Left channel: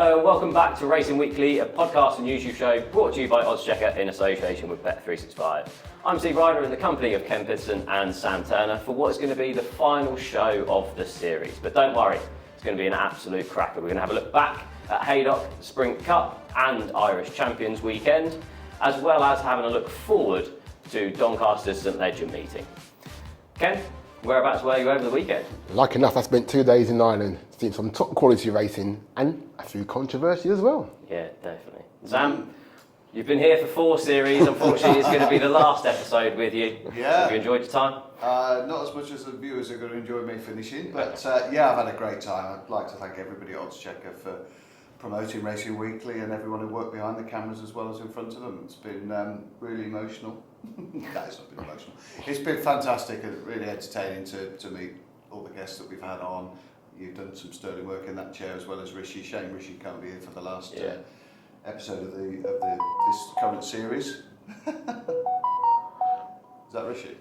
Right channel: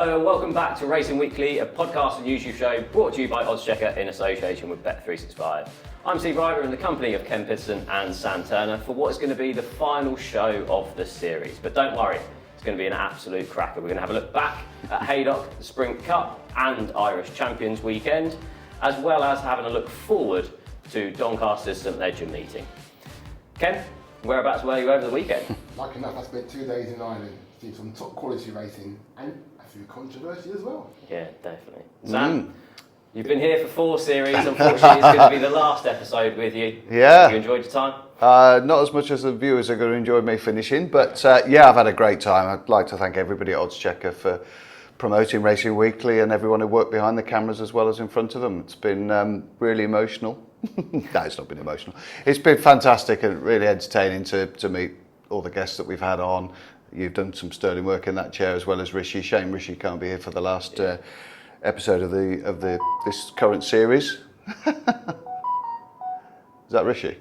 Hello and welcome back to Racing Weekly, a podcast and YouTube show brought to you by oddschecker in association with Bet365. I'm Steve Ryder in the company of Ken Pitterson and Sam Turner for what is going to be the final show of the series. But don't worry, it's going to be an absolute cracker. We're going to have a look back at Haydock, the Sprint Cup and Irish Champions weekend, as well as having a look forward to Doncaster's St Leger meeting. Ken, whereabouts were you over the weekend? Like enough, I spent 2 days in Ireland, seeing some top quality racing and a few controversy as well. Yeah, definitely. Sam, you've been here for 4 series. Unfortunately, it's going to be the last episode with you. Yeah. Have you enjoyed your time? Not as much as the viewers are going to enjoy me finishing, but yeah, I've had a great time. I'd like to thank everybody at oddschecker for promoting Racing Weekly and everyone who worked behind the cameras as well as in front of them. It's been really emotional. No, it's not been emotional. It's been fantastic and really entertaining to meet all the guests that we've had on. You've done some sterling work in that chair as well as Rishi. Shame Rishi can't be here for the last episode of this current series. Is that Rishi?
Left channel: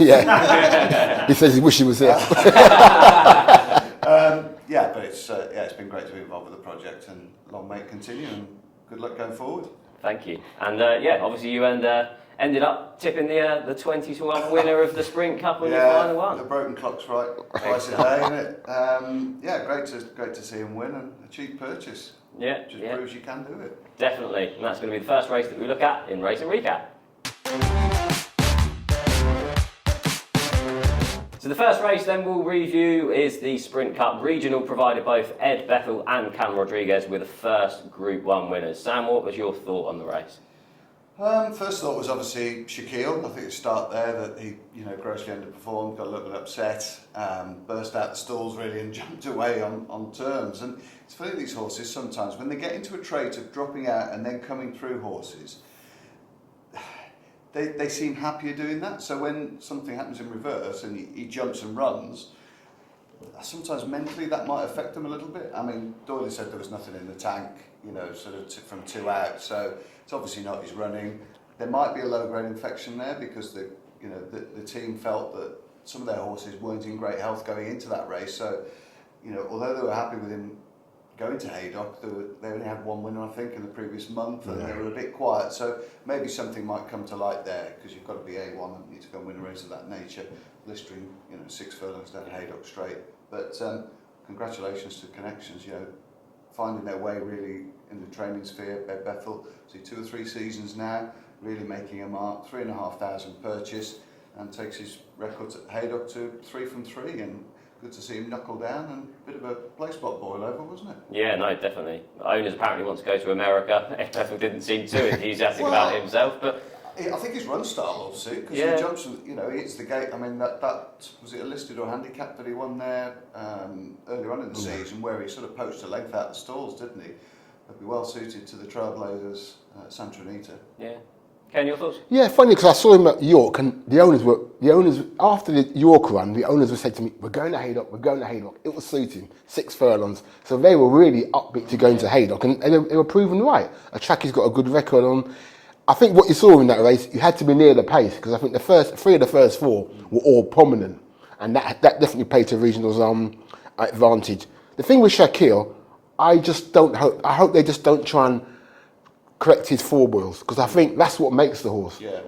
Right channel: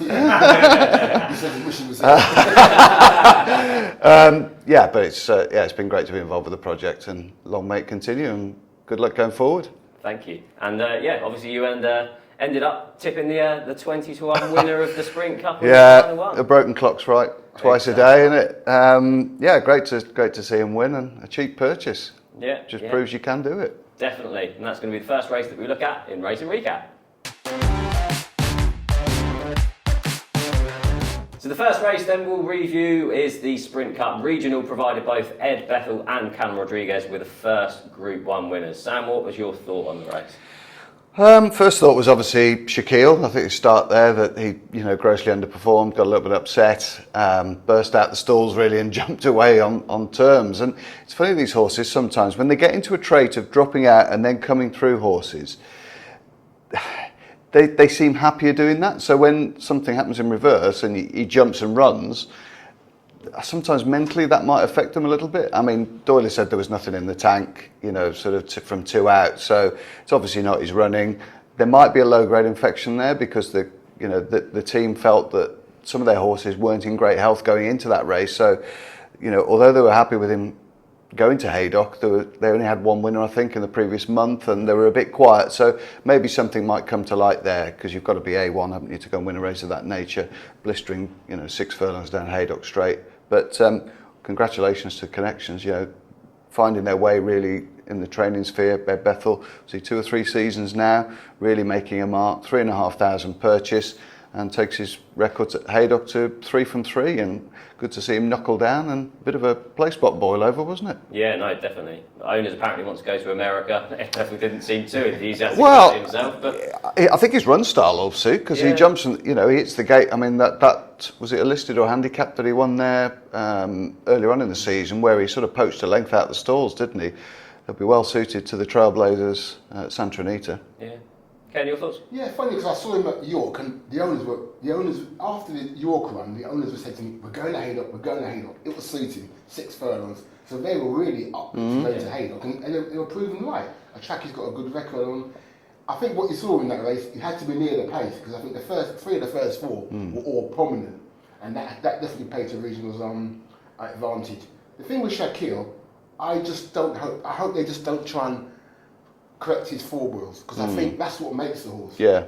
Yeah. He says he wishes he was there. Yeah, but it's been great to be involved with the project, and long may it continue, and good luck going forward. Thank you. And obviously you ended up tipping the 20-1 winner of the Sprint Cup on the final one. The broken clock's right twice a day, isn't it? Yeah, great to see him win, and a cheap purchase. Yeah, just proves you can do it. Definitely, and that's going to be the first race that we look at in Racing Recap. So the first race then we'll review is the Sprint Cup Regional, provided both Ed Bethel and Callum Rodriguez with the first Group 1 winners. Sam, what was your thought on the race? First thought was obviously Shaquille. I think the start there that he, grossly underperformed, got a little bit upset, burst out the stalls really and jumped away on terms. And it's funny, these horses sometimes, when they get into a trait of dropping out and then coming through horses, they seem happier doing that. So when something happens in reverse and he jumps and runs, sometimes mentally that might affect them a little bit. I mean, Doyle said there was nothing in the tank, from 2 out. So it's obviously not his running. There might be a low-grade infection there because the team felt that some of their horses weren't in great health going into that race. So, although they were happy with him going to Haydock, they only had 1 winner, I think, in the previous month, and they were a bit quiet. So maybe something might come to light there, because you've got to be A1, haven't you, to go and win a race of that nature, blistering, 6 furlongs down Haydock straight. But congratulations to Connections, finding their way really in the training sphere. Ed Bethel, 2 or 3 seasons now, really making a mark, 3,500 purchase, and takes his records at Haydock to 3 from 3, and good to see him knuckle down, and a bit of a play spot boil over, wasn't it? Yeah, no, definitely. Owners apparently want to go to America. Ed Bethel didn't seem to enthusiastic about it himself, but I think his run style will suit, because he jumps and he hits the gate. I mean, that was it a listed or handicap that he won there earlier on in the season, where he sort of poached a length out the stalls, didn't he? He'll be well suited to the Trailblazers at Santa Anita. Yeah. Ken, your thoughts? Yeah, funny, because I saw him at York, and the owners after the York run, the owners were saying to me, we're going to Haydock. It was suiting, 6 furlongs. So they were really upbeat to going to Haydock, and they were proven right. A track he's got a good record on. I think what you saw in that race, you had to be near the pace, because I think the first 3 of the first 4 were all prominent, and that definitely played to Regional's advantage. The thing with Shaquille, I hope they just don't try and correct his foreballs, because I think that's what makes the horse. Yeah.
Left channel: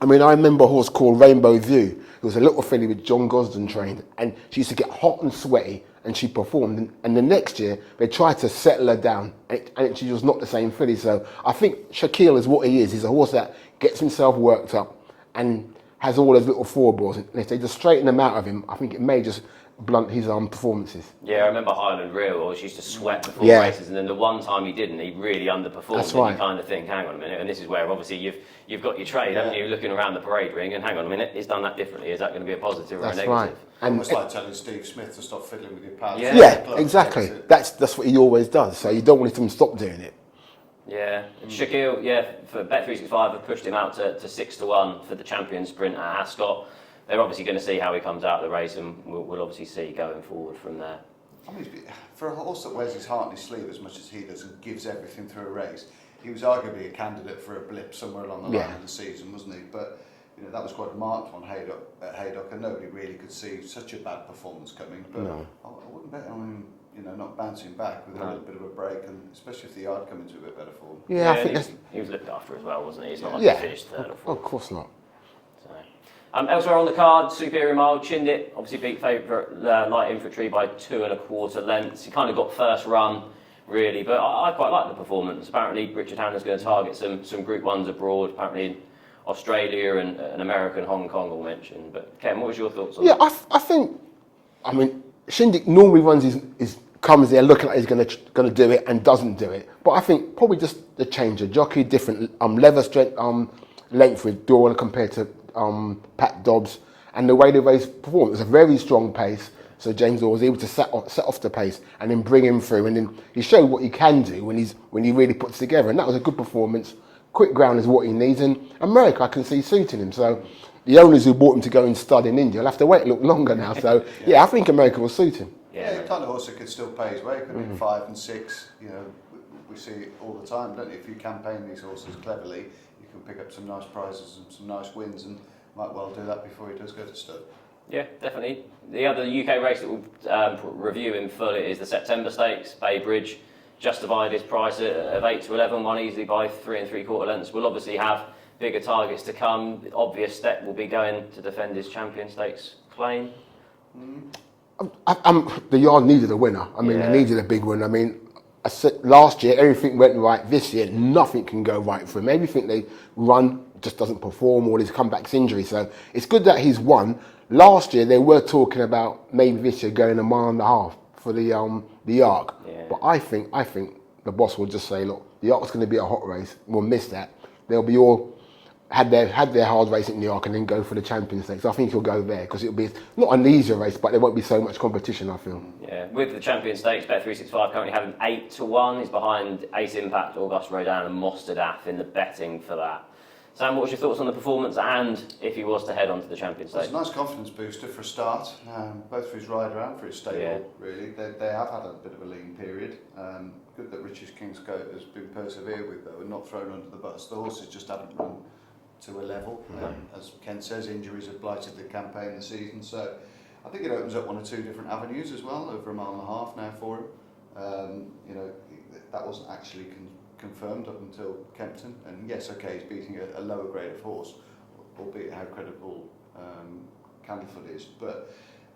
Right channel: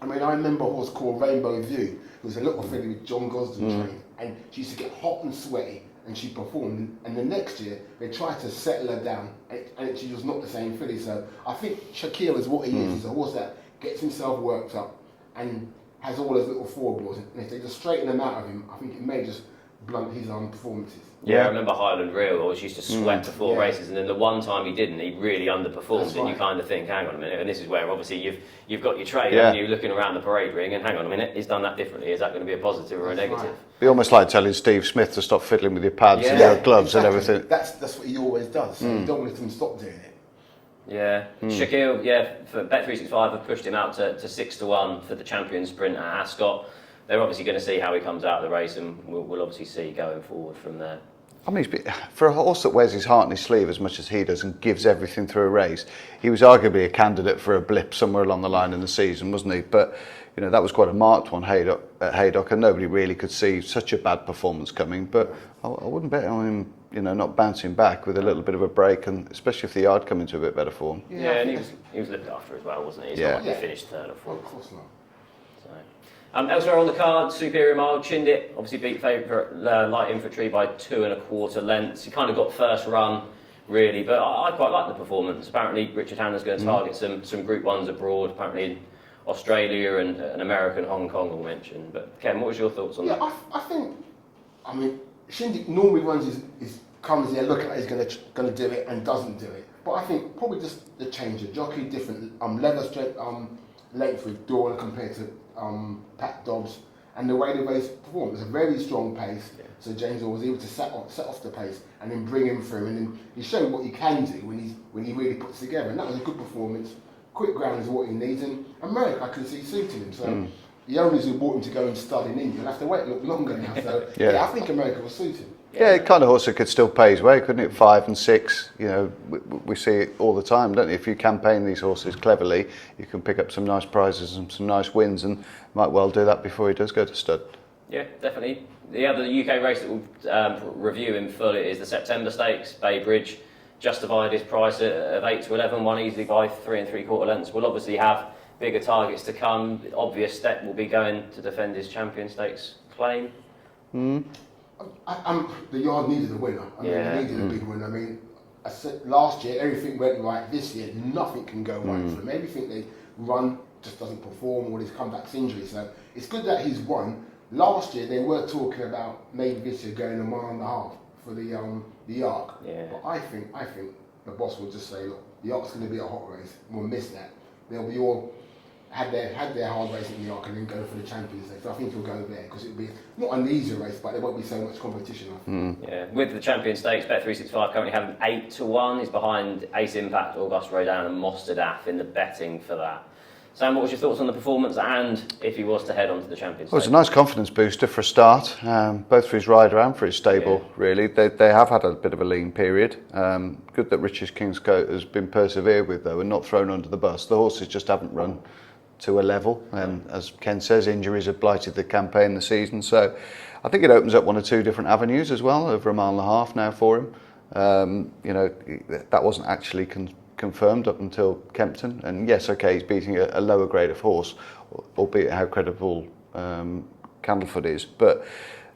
I mean, I remember a horse called Rainbow View. It was a little filly with John Gosden trained, and she used to get hot and sweaty, and she performed. And the next year, they tried to settle her down, and she was not the same filly. So I think Shaquille is what he is. He's a horse that gets himself worked up and has all those little foreballs. And if they just straighten them out of him, I think it may just blunt his performances. Yeah, I remember Highland Real always used to sweat before races, and then the one time he didn't, he really underperformed. That's and right. You kind of think, hang on a minute, and this is where obviously you've got your trade, haven't you, looking around the parade ring, and hang on a minute, he's done that differently. Is that going to be a positive or a negative? Right. Be almost like telling Steve Smith to stop fiddling with your pads and Yeah, your gloves exactly. and everything. That's what he always does. So you don't want him to stop doing it. Yeah, Shaquille, for Bet365 have pushed him out to 6-1 for the champion sprint at Ascot. They're obviously going to see how he comes out of the race, and we'll obviously see going forward from there. I mean, for a horse that wears his heart on his sleeve as much as he does and gives everything through a race, he was arguably a candidate for a blip somewhere along the line in the season, wasn't he? But that was quite a marked one at Haydock, and nobody really could see such a bad performance coming. But I wouldn't bet on him, not bouncing back with a little bit of a break, and especially if the yard come into a bit better form. Yeah, and he was looked after as well, wasn't he? It's not like he finished third or fourth. Well, of course not. So. Elsewhere on the card, Superior Mile, Chindit obviously beat favourite Light Infantry by 2 1/4 lengths. He kind of got first run, really, but I quite like the performance. Apparently, Richard Hanna's going to target some Group 1s abroad, apparently in Australia and America and Hong Kong, all mentioned. But Ken, what was your thoughts on that? I think, Shindik normally runs his comes there looking like he's going to do it and doesn't do it. But I think probably just the change of jockey, different leather strength, length with Dorn compared to Pat Dobbs, and the way the race performed. It was a very strong pace. Yeah. So James Orr was able to set off the pace and then bring him through, and then he showed what he can do when he really puts together, and that was a good performance. Quick ground is what he needs, and America I can see suiting him. So the owners who bought him to go and stud in India will have to wait a little longer now. So I think America will suit him. Yeah, it kind of also could still pay his way, couldn't it? 5 and 6, we see it all the time, don't you? If you campaign these horses cleverly, you can pick up some nice prizes and some nice wins, and might well do that before he does go to stud. Yeah, definitely. The other UK race that we'll review in full is the September Stakes, Bay Bridge. Justified his price of 8 to 11, won easily by 3 3/4 lengths. We'll obviously have bigger targets to come. The obvious step will be going to defend his Champion Stakes claim. The yard needed a winner. They needed a big win. I said last year everything went right. This year nothing can go right for him. Everything they run just doesn't perform, or his comeback's injury. So it's good that he's won. Last year they were talking about maybe this year going 1.5 miles for the Arc. Yeah. But I think the boss will just say, look, the Arc's going to be a hot race. We'll miss that. They'll be all had their hard race in the Arc and then go for the Champion Stakes. So I think he'll go there because it'll be not an easier race, but there won't be so much competition. I think. Yeah, with the Champion Stakes, Bet365 currently having 8 to 1. He's behind Ace Impact, Auguste Rodin, and Mostadaf in the betting for that. Sam, what was your thoughts on the performance, and if he was to head on to the Champions Stakes? Well, it's a nice confidence booster for a start, both for his rider and for his stable, really. They have had a bit of a lean period. Good that Richard Kingscote has been persevered with, though, and not thrown under the bus. The horses just haven't run to a level. As Ken says, injuries have blighted the campaign this season. So I think it opens up 1 or 2 different avenues as well, over 1.5 miles now for him. That wasn't actually confirmed up until Kempton, and yes, okay, he's beating a lower grade of horse, albeit how credible Candlefoot is, but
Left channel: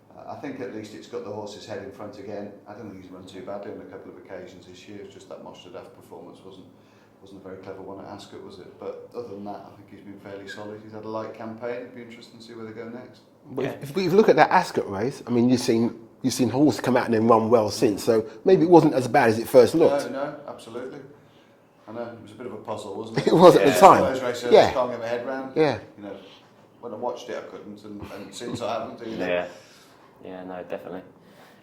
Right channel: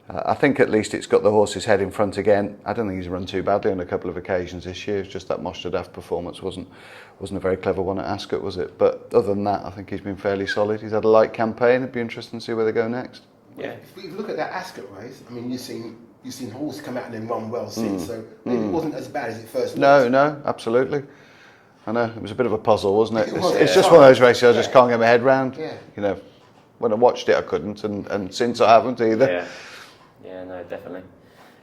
I think at least it's got the horse's head in front again. I don't think he's run too badly on a couple of occasions this year. It's just that Mostadaf performance wasn't a very clever one at Ascot, was it? But other than that, I think he's been fairly solid. He's had a light campaign. It'd be interesting to see where they go next. Yeah. If you look at that Ascot race, you've seen horses come out and then run well since, so maybe it wasn't as bad as it first looked. No, absolutely. I know, it was a bit of a puzzle, wasn't it? It was. It's just one of those races I just can't get my head round. Yeah. When I watched it, I couldn't, and since I haven't either. Yeah, no, definitely.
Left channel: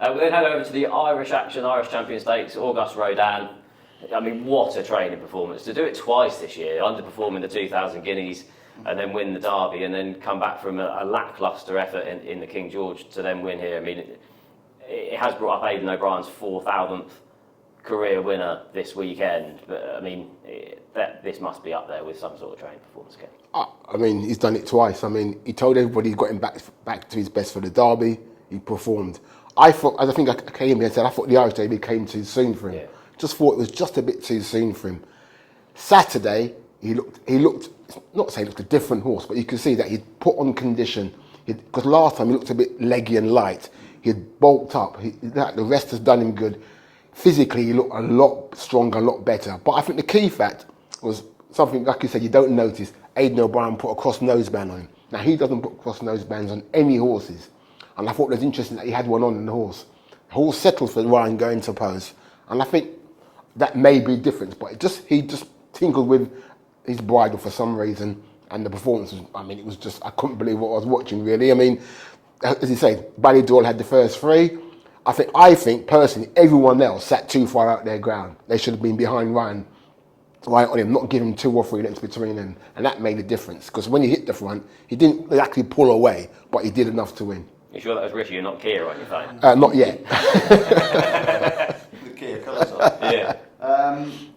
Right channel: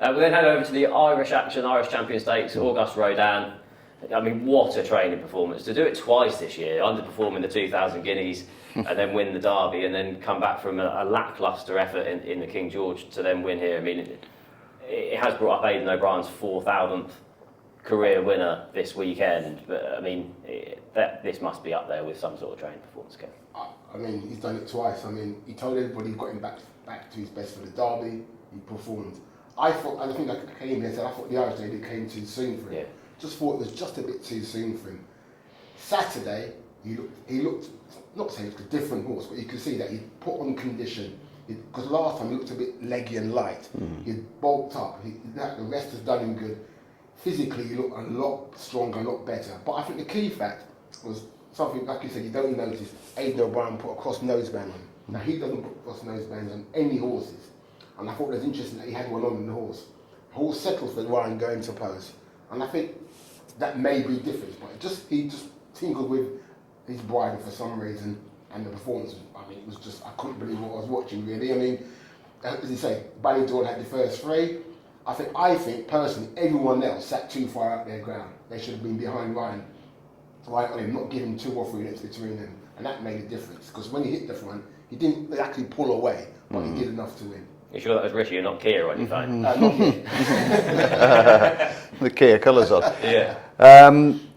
We'll then head over to the Irish action, Irish Champion Stakes, Auguste Rodin. What a training performance. To do it twice this year, underperforming the 2,000 guineas, and then win the Derby, and then come back from a lacklustre effort in the King George to then win here. It has brought up Aidan O'Brien's 4,000th career winner this weekend, but this must be up there with some sort of training performance, Ken. He's done it twice. He told everybody he got him back to his best for the Derby. He performed. I thought, as I think I came here and said, I thought the Irish Derby came too soon for him. Yeah. Just thought it was just a bit too soon for him. Saturday, he looked not to say he looked a different horse, but you could see that he'd put on condition. Because last time he looked a bit leggy and light. He'd bulked up. The rest has done him good. Physically, he looked a lot stronger, a lot better. But I think the key fact was something, like you said, you don't notice. Aidan O'Brien put a cross noseband on him. Now, he doesn't put cross nosebands on any horses. And I thought it was interesting that he had one on the horse. The horse settled for Ryan going to pose. And I think that may be a difference. But he just tinkled with his bridle for some reason. And the performance was, it was just, I couldn't believe what I was watching, really. As you say, Ballydoyle had the first 3. I think personally, everyone else sat too far out their ground. They should have been behind Ryan, right on him, not giving 2 or 3 lengths between them, and that made a difference. Because when he hit the front, he didn't actually pull away, but he did enough to win. You sure that was Richie and not Kia on your phone? Not yet. The Kia colours on.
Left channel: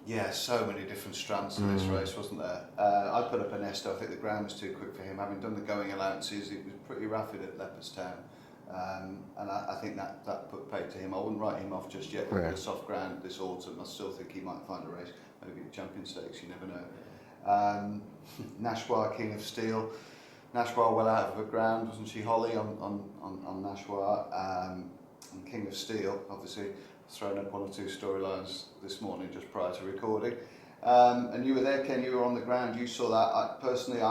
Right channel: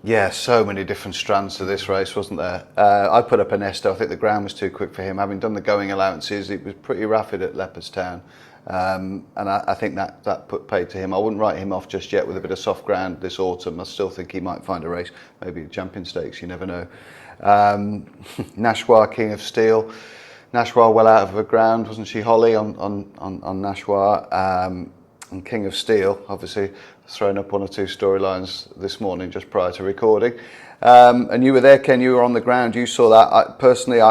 Yeah. So many different strands to this race, wasn't there? I put up Ernesto. I think the ground was too quick for him. Having done the going allowances, it was pretty rapid at Leopardstown. And I think that paid to him. I wouldn't write him off just yet with a bit of soft ground this autumn. I still think he might find a race, maybe a Champion Stakes, you never know. Nashwa, King of Steel. Nashwa well out of her ground, wasn't she, Holly, on Nashwa? And King of Steel, obviously, thrown up 1 or 2 storylines this morning just prior to recording. And you were there, Ken, you were on the ground, you saw that. Personally,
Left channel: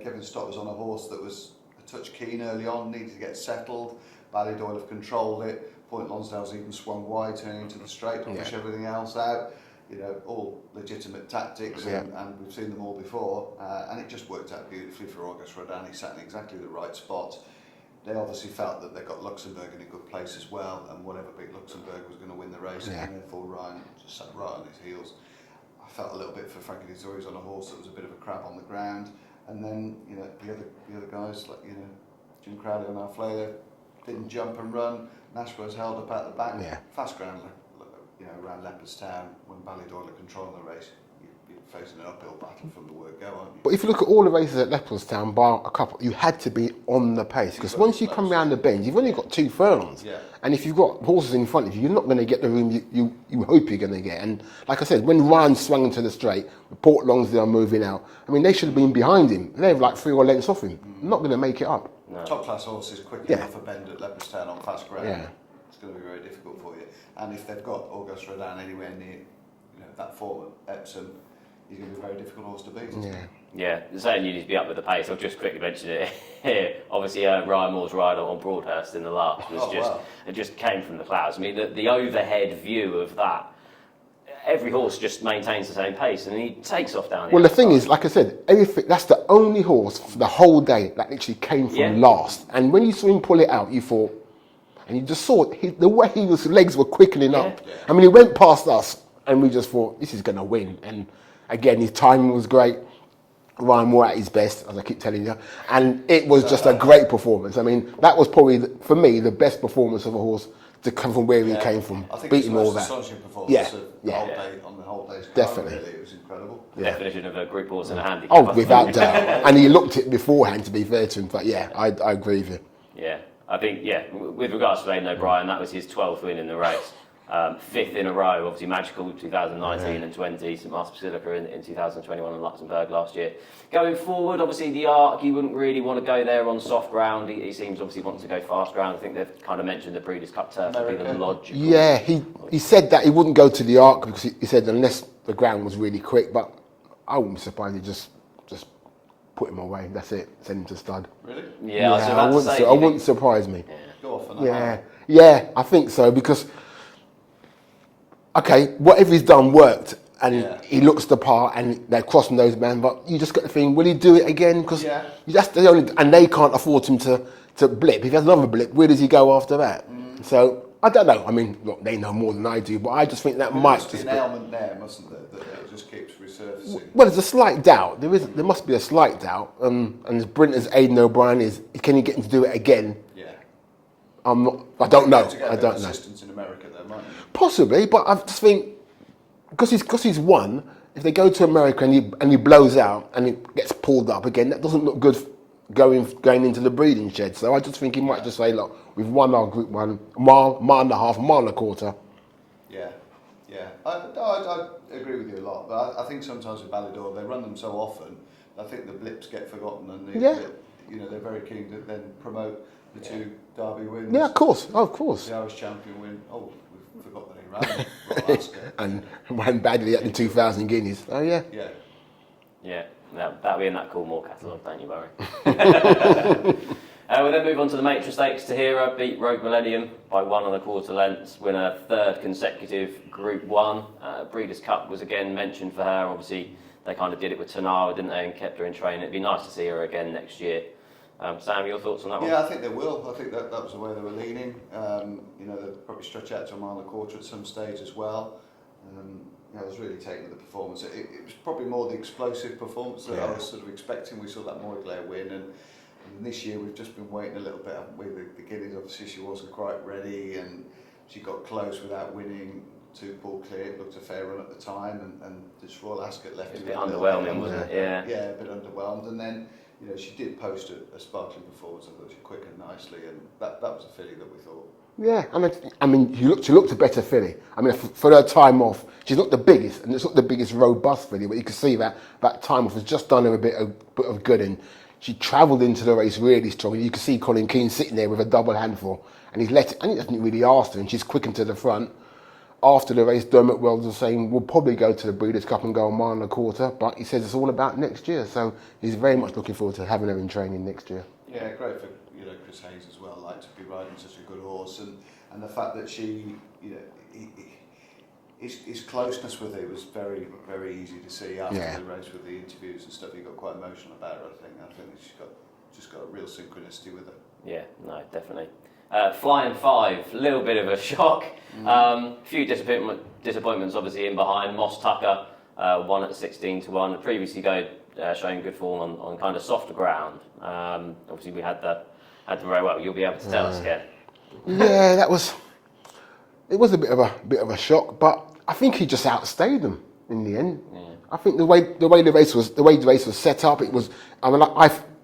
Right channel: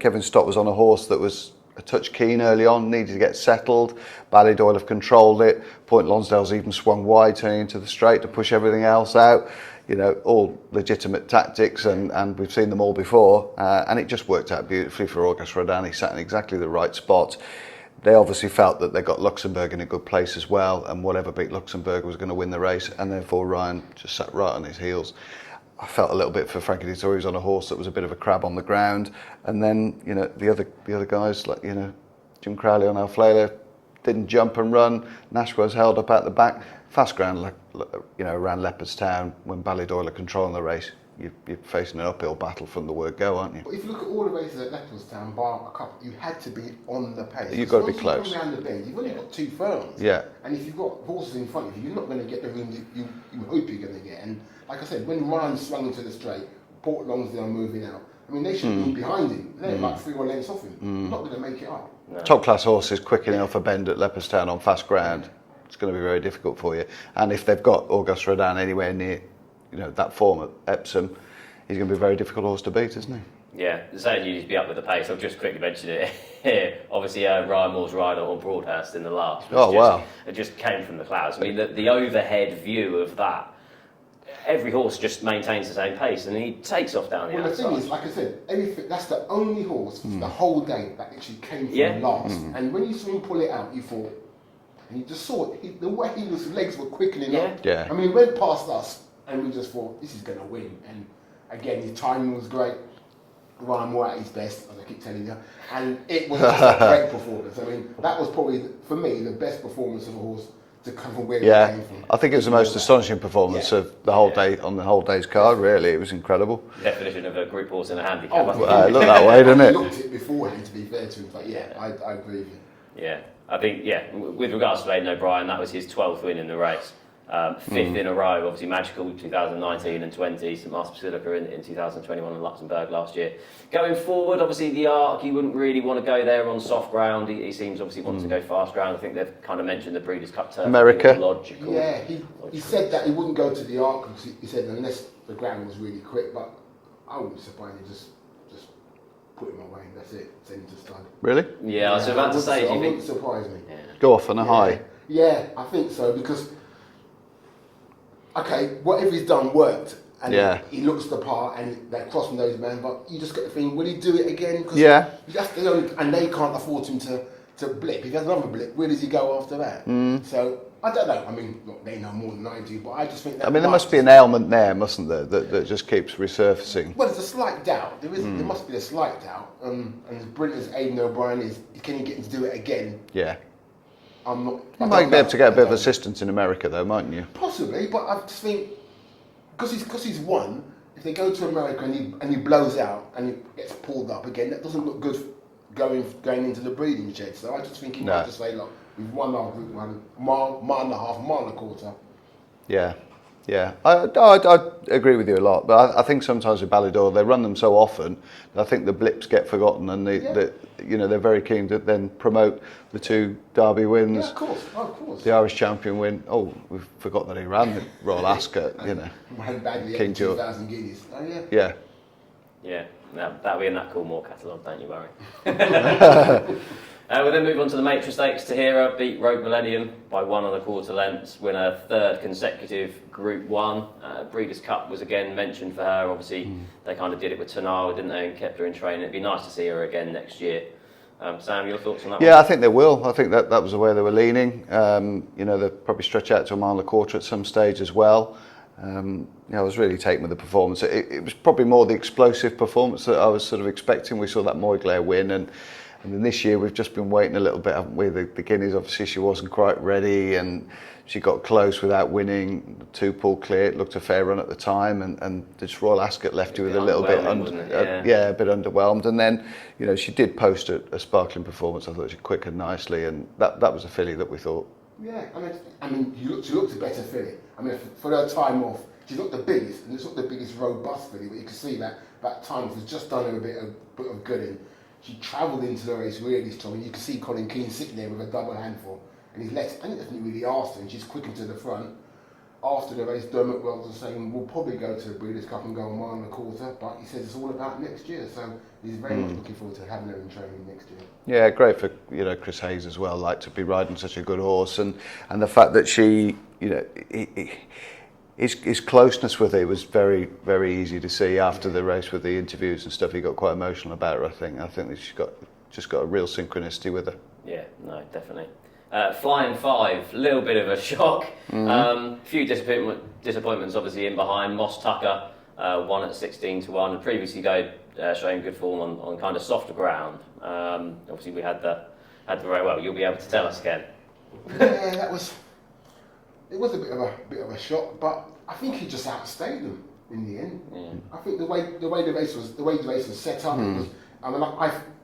Kevin Stott was on a horse that was a touch keen early on, needed to get settled. Ballydoyle have controlled it. Point Lonsdale's even swung wide, turning into the straight to push everything else out. All legitimate tactics, and we've seen them all before. And it just worked out beautifully for Auguste Rodin. He sat in exactly the right spot. They obviously felt that they got Luxembourg in a good place as well, and whatever beat Luxembourg was going to win the race, and therefore Ryan just sat right on his heels. I felt a little bit for Frankie Dettori. He was on a horse that was a bit of a crab on the ground, and then the other guys like Jim Crowley on Alflela didn't jump and run. Nashwa's held up at the back. Fast ground, around Leopardstown when Ballydoyle are controlling the race. You're facing an uphill battle from the word go, aren't you? But if you look at all the races at Leopardstown, bar a couple, you had to be on the pace. Because once you come round the bend, you've only got 2 furlongs. Yeah. And if you've got horses in front of you, you're not going to get the room you hope you're going to get. And like I said, when Ryan swung into the straight, Port Lonsdale moving out, they should have been behind him. They were like 3 or lengths off him. Not going to make it up. No. Top class horses quick enough a bend at Leopardstown on fast ground. It's going to be very difficult for you. And if they've got Auguste Rodin anywhere near, that form at Epsom, he's going to be a very difficult horse to beat, isn't he? Yeah, saying you need to be up with the pace. I'll just quickly mention it here. Obviously, Ryan Moore's Ryder on Broadhurst in the last. It just came from the clouds. The overhead view of that. Every horse just maintains the same pace, and he takes off down the outside. The thing is, like I said, that's the only horse for the whole day that actually came from last. And when you saw him pull it out, you thought, and you just saw it, the way his legs were quickening up. Yeah. He went past us, and we just thought, this is going to win. And again, his timing was great. Ryan Moore at his best, as I keep telling you. And it was just a great performance. That was probably, for me, the best performance of a horse to come from where he came from. I think it was the most astonishing performance of the whole day, on the whole day's card, definitely. Really. It was incredible. Definition of a group horse and a handicap. Without that way, and he looked it beforehand, to be fair to him. But I agree with you. Yeah, I think, with regards to Aidan O'Brien, that was his 12th win in the race. 5th in a row, obviously Magical 2019 and 20, St Martin's Basilica in 2021 and Luxembourg last year. Going forward, obviously the Arc, he wouldn't really want to go there on soft ground. He seems obviously wants to go fast ground. I think they've kind of mentioned the Breeders' Cup turf. America. Logical. Yeah, he said that he wouldn't go to the Arc because he said unless the ground was really quick, but I wouldn't be surprised he just put him away. That's it. Send him to stud. Really? Yeah, I was about to say. It wouldn't surprise me. Yeah. Go off on a high. Yeah, I think so because. Okay, whatever he's done worked, and he looks the part, and they're crossing those men. But you just get the thing: will he do it again? Because that's the only, and they can't afford him to blip. If he has another blip, where does he go after that? So I don't know. Look, they know more than I do, but I just think that. There must be an ailment there, mustn't there, that just keeps resurfacing? Well, there's a slight doubt. There must be a slight doubt. And as brilliant as Aidan O'Brien is, can you get him to do it again? Yeah. I don't know. Be able to get a bit of assistance in America, though, mightn't you? Possibly, but I just think because he's won. If they go to America and he blows out and he gets pulled up again, that doesn't look good going into the breeding shed. So I just think he might just say, look, we've won our Group 1, mile and a half, mile and a quarter. Yeah. I agree with you a lot, but I think sometimes with Ballydoyle they run them so often. I think the blips get forgotten, and they're very keen to then promote the 2 Derby wins. Yeah, of course. The Irish champion win. Oh, we've forgotten that he ran Royal Ascot. Ran badly at the 2,000 guineas. Oh yeah. Yeah. Yeah. That'll be in that Coolmore catalogue, don't you worry. We'll then move on to the Matron Stakes. Tahiyra beat Rogue Millennium by 1 1/4 lengths, win her 3rd consecutive Group 1. Breeders' Cup was again mentioned for her. Obviously, they kind of did it with Tanawa, didn't they, and kept her in training. It'd be nice to see her again next year. Sam, your thoughts on that one? Yeah, I think they will. I think that was the way they were leaning. They'll probably stretch out to 1 1/4 at some stage as well. I was really taken with the performance. It was probably more the explosive performance that I was sort of expecting. We saw that Moyglare win, and And then this year we've just been waiting a little bit, haven't we? The Guineas, obviously she wasn't quite ready, and she got close without winning. 2 pulled clear, it looked a fair run at the time, and this Royal Ascot left you with a little bit a bit underwhelmed. And then, you know, she did post a sparkling performance. I thought she quickened nicely, and that was a filly that we thought. Yeah, I mean, she looked a better filly. I mean, for her time off, she's not the biggest, and it's not the biggest robust filly, but you can see that time off has just done her a bit of good. And she travelled into the race really strong. You can see Colin Keane sitting there with a double handful, and he hasn't really asked her, and she's quickened to the front. After the race, Dermot Wells was saying we'll probably go to the Breeders' Cup and go a mile and a quarter, but he says it's all about next year, so he's very much looking forward to having her in training next year. Yeah, great for, you know, Chris Hayes as well, like to be riding such a good horse, and the fact that she, you know, his closeness with it was very, very easy to see after the race with the interviews and stuff. He got quite emotional about her. I think that she's just got a real synchronicity with her. Yeah, no, definitely. Flying 5, a little bit of a shock. Few disappointments obviously in behind. Moss Tucker won at 16-1. Previously showing good form on kind of softer ground. Obviously we had the very well. You'll be able to tell us again. Yeah, it was a bit of a shock, but I think he just outstayed them in the end. Yeah. I think the way the race was set up, it was.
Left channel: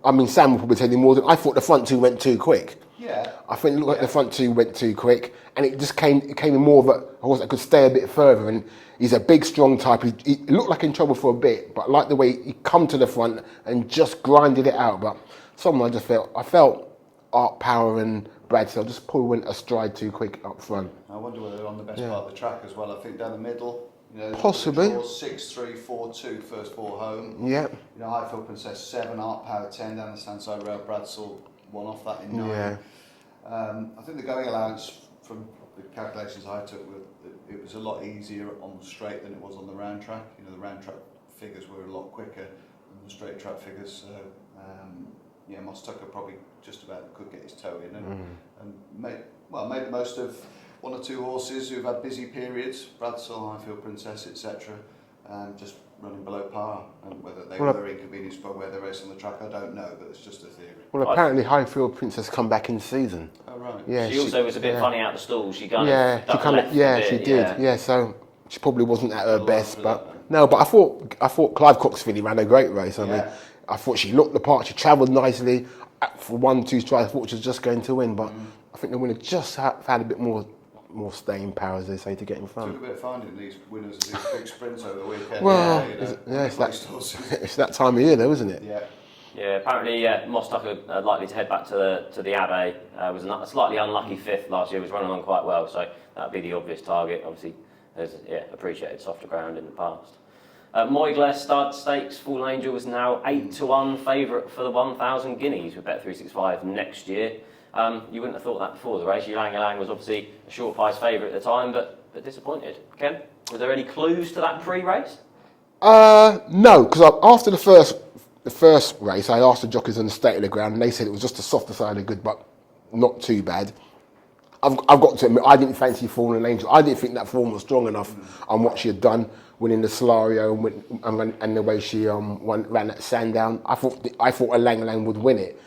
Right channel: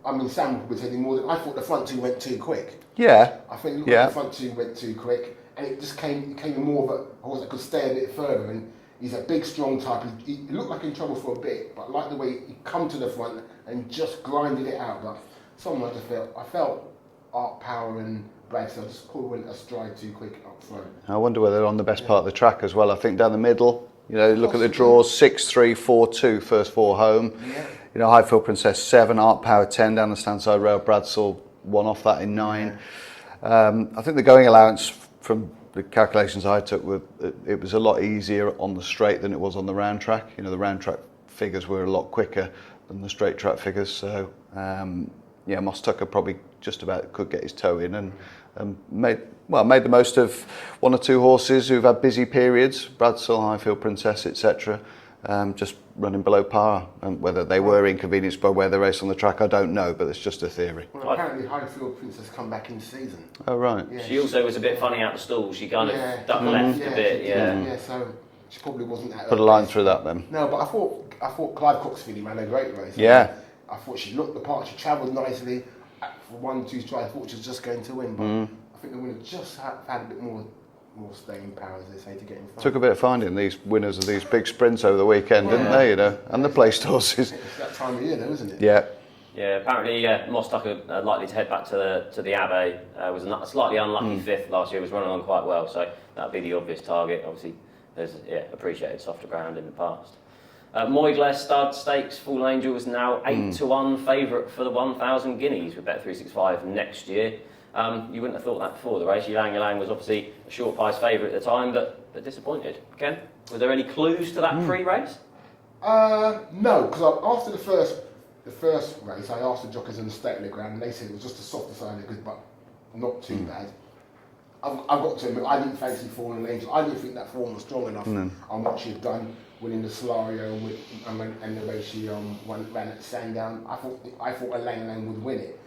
I mean, Sam will probably tell you more than I thought. The front 2 went too quick. Yeah, I think it looked like the front 2 went too quick, and it just came more of a horse that could stay a bit further. And he's a big, strong type. He looked like in trouble for a bit, but I like the way he come to the front and just grinded it out. But I felt Art Power and Bradsell just probably went astride too quick up front. I wonder whether they're on the best part of the track as well. I think down the middle. You know, look at the draws: 6-3, 4-2, first 4 home. Yeah. You know, Highfield Princess 7, Art Power 10 down the standside rail. Bradsell 1 off that in 9. Yeah. I think the going allowance from the calculations I took it was a lot easier on the straight than it was on the round track. You know, the round track figures were a lot quicker than the straight track figures. So Moss Tucker probably just about could get his toe in and made the most of 1 or 2 horses who've had busy periods, Bradsell, Highfield Princess, etc. Just running below par, and whether they were inconvenienced by where they race on the track, I don't know, but it's just a theory. Well, apparently Highfield Princess come back in season. Oh right. Yeah, she also was a bit funny out the stall. She kind of ducked left a bit. She did. Yeah, so she probably wasn't at her best. Put a line through that then. No, but I thought Clive Cox filly ran a great race. I thought she looked the part. She travelled nicely. For 1-2 strides, I thought she was just going to win, but I think the winner just had a bit more staying power, as they say, to get in front. Took a bit of finding these winners of these big sprints over the weekend, didn't they? You know, and the placed horses. It's that time of year, though, isn't it? Yeah. Yeah. Apparently, Moss Tucker likely to head back to the Abbey. Was a slightly unlucky 5th last year. Was running on quite well, so that'd be the obvious target. Obviously, there's appreciated softer ground in the past. Moyglare Stud Stakes, Fallen Angel is now 8-1 favourite for the 1,000 guineas with Bet365 next year. You wouldn't have thought that before the race. Ylang Ylang was obviously a short price favourite at the time, but disappointed. Ken, was there any clues to that pre-race? No, because after the first race, I asked the jockeys on the state of the ground, and they said it was just the softer side of good, but not too bad. I've got to admit, I didn't fancy Fallen Angel. I didn't think that form was strong enough on what she had done, winning the Solario and the way she ran at Sandown. I thought Ylang Ylang would win it.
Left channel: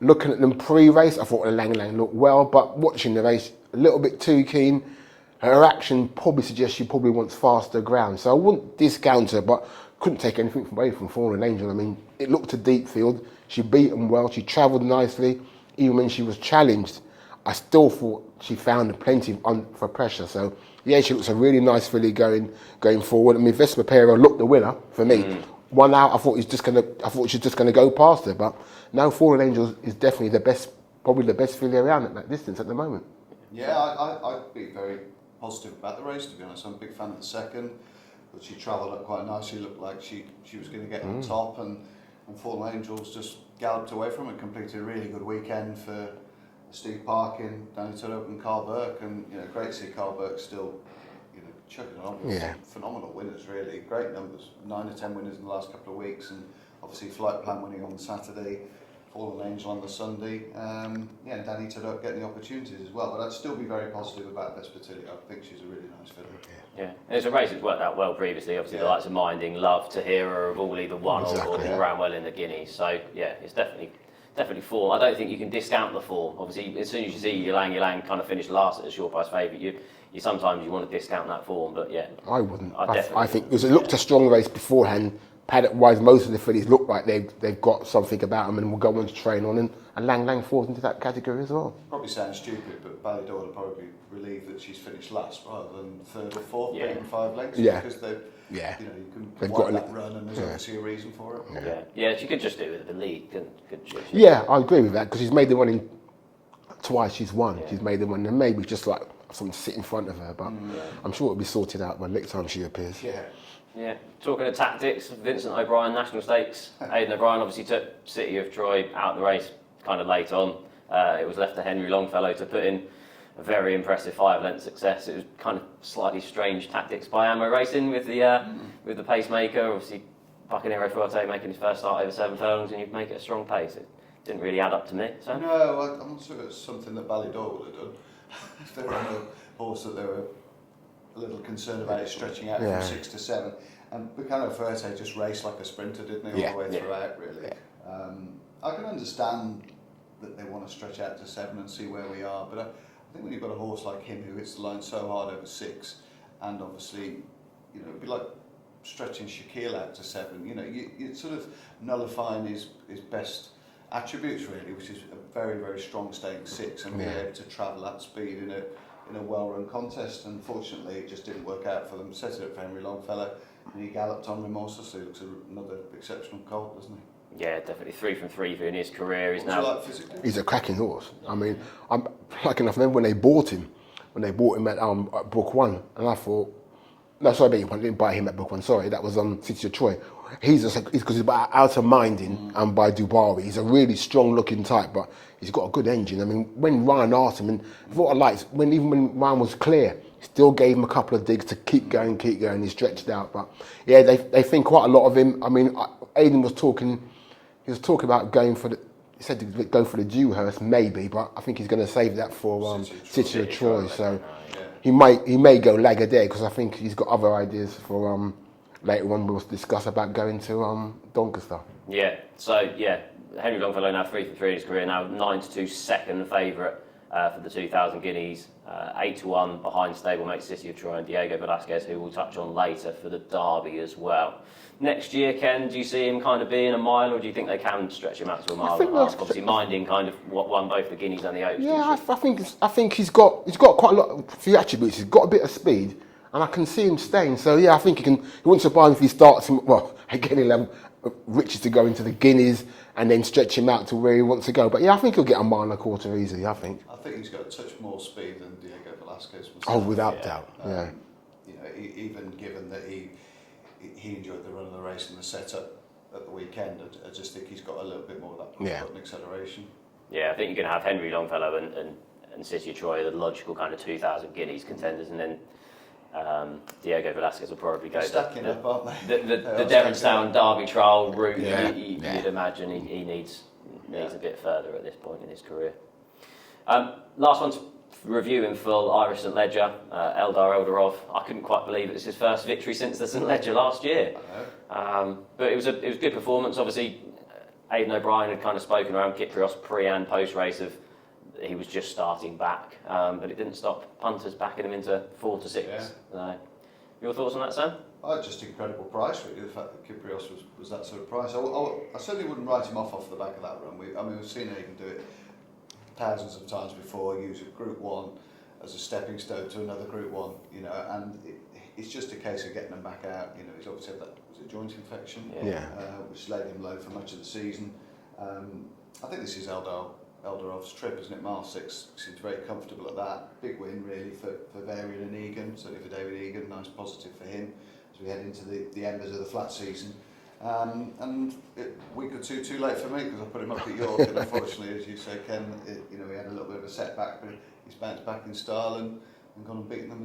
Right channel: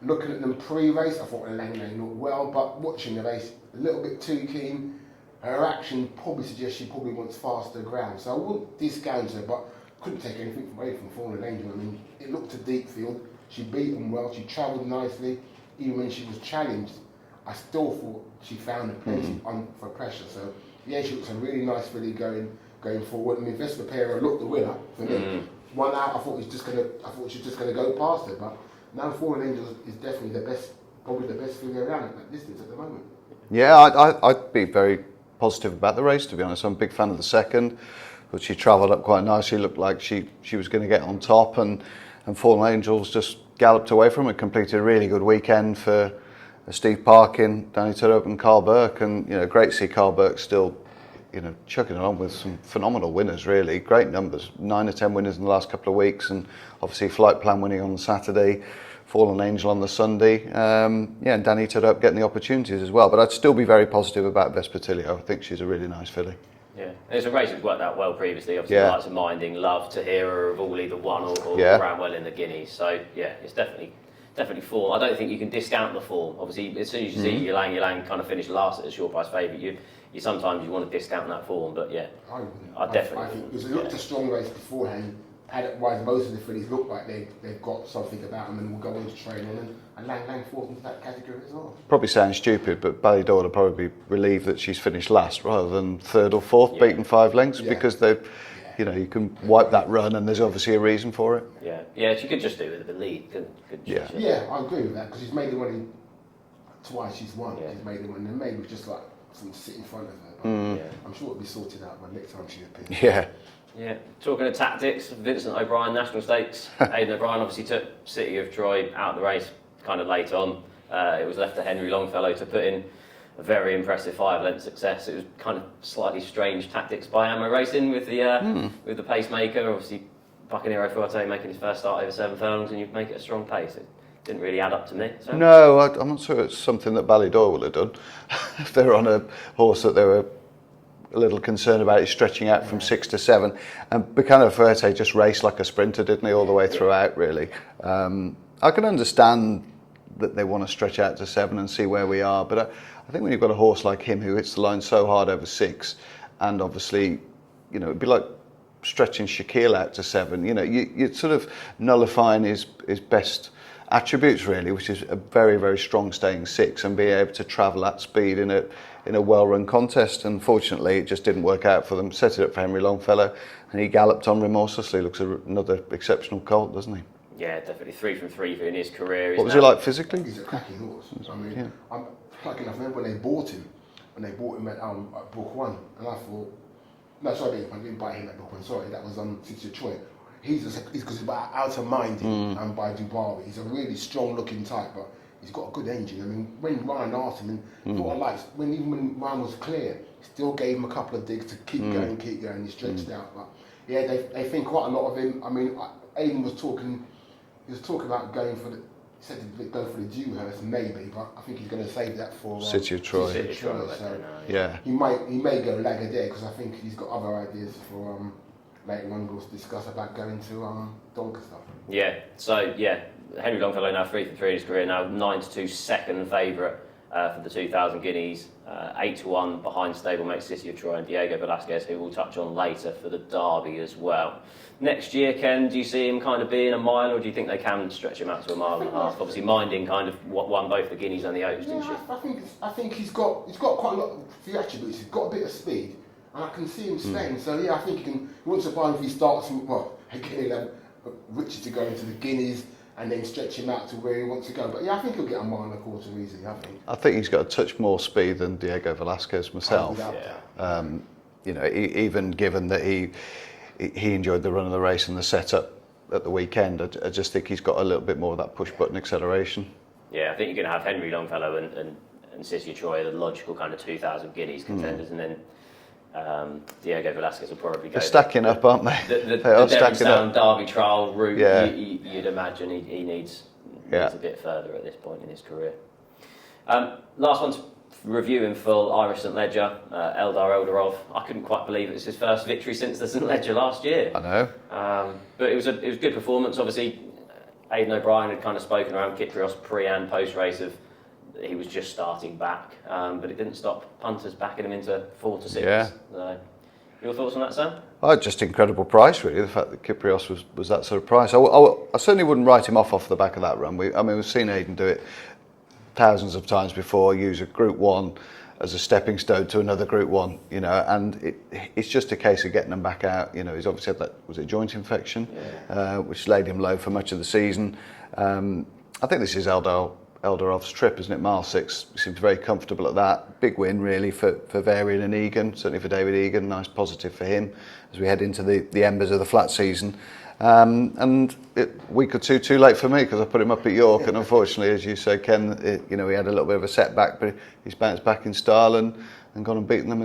Looking at them pre-race, I thought Ylang Ylang looked well, but watching the race, a little bit too keen. Her action probably suggests she probably wants faster ground, so I wouldn't discount her, but couldn't take anything away from Fallen Angel. I mean, it looked a deep field. She beat them well. She travelled nicely, even when she was challenged. I still thought she found plenty for pressure. So yeah, she looks a really nice filly going forward. I mean, Vespa Pero looked the winner for me. 1 out, I thought she was just gonna go past her, but now Fallen Angel is definitely probably the best filly around at that distance at the moment. Yeah, I'd be very positive about the race, to be honest. I'm a big fan of the second, but she travelled up quite nicely. Looked like she was going to get on top, and Fallen Angels just galloped away from it. Completed a really good weekend for Steve Parkin, Danny Turrup and Carl Burke, and great to see Carl Burke still chugging along with some phenomenal winners, really. Great numbers, 9 or 10 winners in the last couple of weeks, and obviously Flight Plan winning on the Saturday, Fallen Angel on the Sunday, and Danny Turrup getting the opportunities as well. But I'd still be very positive about Vespertilio. I think she's a really nice filly. Yeah, it's a race that's worked out well previously. Obviously, the likes of Minding, Love, Tahiyra have all either won or ran well in the Guineas. So yeah, it's definitely definitely form. I don't think you can discount the form. Obviously, as soon as you see Ylang kind of finished last at a sure price favourite, you sometimes you want to discount that form. But yeah, I wouldn't. I think because it looked a strong race beforehand. Paddock-wise, most of the fillies look like they've got something about them and will go on to train on. And Lang falls into that category as well. Probably sounds stupid, but Ballydor will probably be relieved that she's finished last rather than third or fourth, beaten 5 lengths, because you can wipe that run, and there's obviously a reason for it. Yeah, she could just do with a lead. Yeah, I agree with that because she's made the running twice. She's won. She's made the one, and maybe just like someone to sit in front of her. But I'm sure it'll be sorted out by the next time she appears. Yeah, talking of tactics, Vincent O'Brien National Stakes. Aidan O'Brien obviously took City of Troy out of the race kind of late on. It was left to Henry Longfellow to put in a very impressive 5-length success. It was kind of slightly strange tactics by Ammo Racing with the pacemaker. Obviously, Buccaneero Forte making his first start over 7 furlongs, and you make it a strong pace. It didn't really add up to me. So. No, I'm not sure it's something that Ballydor will have done. If they were on a horse that they were a little concerned about it stretching out from 6 to 7, and Buccaneero Forte just raced like a sprinter, didn't he, all the way throughout, really. I can understand that they want to stretch out to 7 and see where we are, but I think when you've got a horse like him who hits the line so hard over 6, and obviously, it'd be like stretching Shaquille out to 7. You're sort of nullifying his best attributes, really, which is a very, very strong staying 6 and be able to travel at speed in a well-run contest. Unfortunately, it just didn't work out for them. Set it up for Henry Longfellow, and he galloped on remorselessly. Looks another exceptional colt, doesn't he? Yeah, definitely 3 from 3 in his career. What was he like physically? He's a cracking horse. I mean, I'm lucky enough. Remember when they bought him at Book One, and I thought, no, sorry, I didn't buy him at Book One. Sorry, that was City of Troy. He's because he's by Outer Minding and by Dubarry. He's a really strong-looking type, but he's got a good engine. I mean, when Ryan asked him, and what I liked, even when Ryan was clear, still gave him a couple of digs to keep going. He stretched out, but yeah, they think quite a lot of him. I mean, Aidan was talking. He was talking about going for the. He said to go for the Dewhurst maybe, but I think he's going to save that for City of Troy. So he may go Lagardère because I think he's got other ideas for later on. We'll discuss about going to Doncaster. Yeah. So Henry Longfellow now 3 from 3 in his career. Now 9-2 second favourite for the 2,000 guineas. 8-1 behind stablemate City of Troy and Diego Velasquez, who we'll touch on later for the Derby as well. Next year, Ken, do you see him kind of being a mile, or do you think they can stretch him out to a mile and a half? Obviously, Minding kind of what won both the Guineas and the Oaks. Yeah, I think he's got quite a lot of few attributes. He's got a bit of speed, and I can see him staying. So yeah, I think he wouldn't surprise me if he starts him. Well, again, he'll have riches to go into the Guineas and then stretch him out to where he wants to go. But yeah, I think he'll get a mile and a quarter easily. I think he's got a touch more speed than Diego Velasquez myself. Oh, without doubt. Even given that he enjoyed the run of the race and the setup at the weekend, I just think he's got a little bit more of that push-button acceleration. Yeah, I think you're going to have Henry Longfellow and City of Troy, the logical kind of 2,000 guineas contenders, and then Diego Velasquez will probably go. They're stacking up, aren't they? The Devonstown Derby trial route, you'd imagine he needs a bit further at this point in his career. Last one's review in full, Irish St Ledger, Eldar Eldarov. I couldn't quite believe it was his first victory since the St Ledger last year. I know. But it was good performance. Obviously, Aidan O'Brien had kind of spoken around Kyprios pre and post race of he was just starting back, but it didn't stop punters backing him into 4 to 6. Yeah. So, your thoughts on that, Sam? Oh, just incredible price, really. The fact that Kyprios was that sort of price. I certainly wouldn't write him off the back of that run. We've seen Aidan do it thousands of times before, use a Group 1 as a stepping stone to another Group 1, and it's just a case of getting them back out. He's obviously had that, was it joint infection, which laid him low for much of the season. I think this is Eldarov's trip, isn't it? Mile 6, he seems very comfortable at that. Big win, really, for Varian and Egan, certainly for David Egan. Nice positive for him as we head into the embers of the flat season. And a week or two too late for me because I put him up at York, and unfortunately, as you say, Ken, he had a little bit of a setback, but he's bounced back in style and gone and beaten them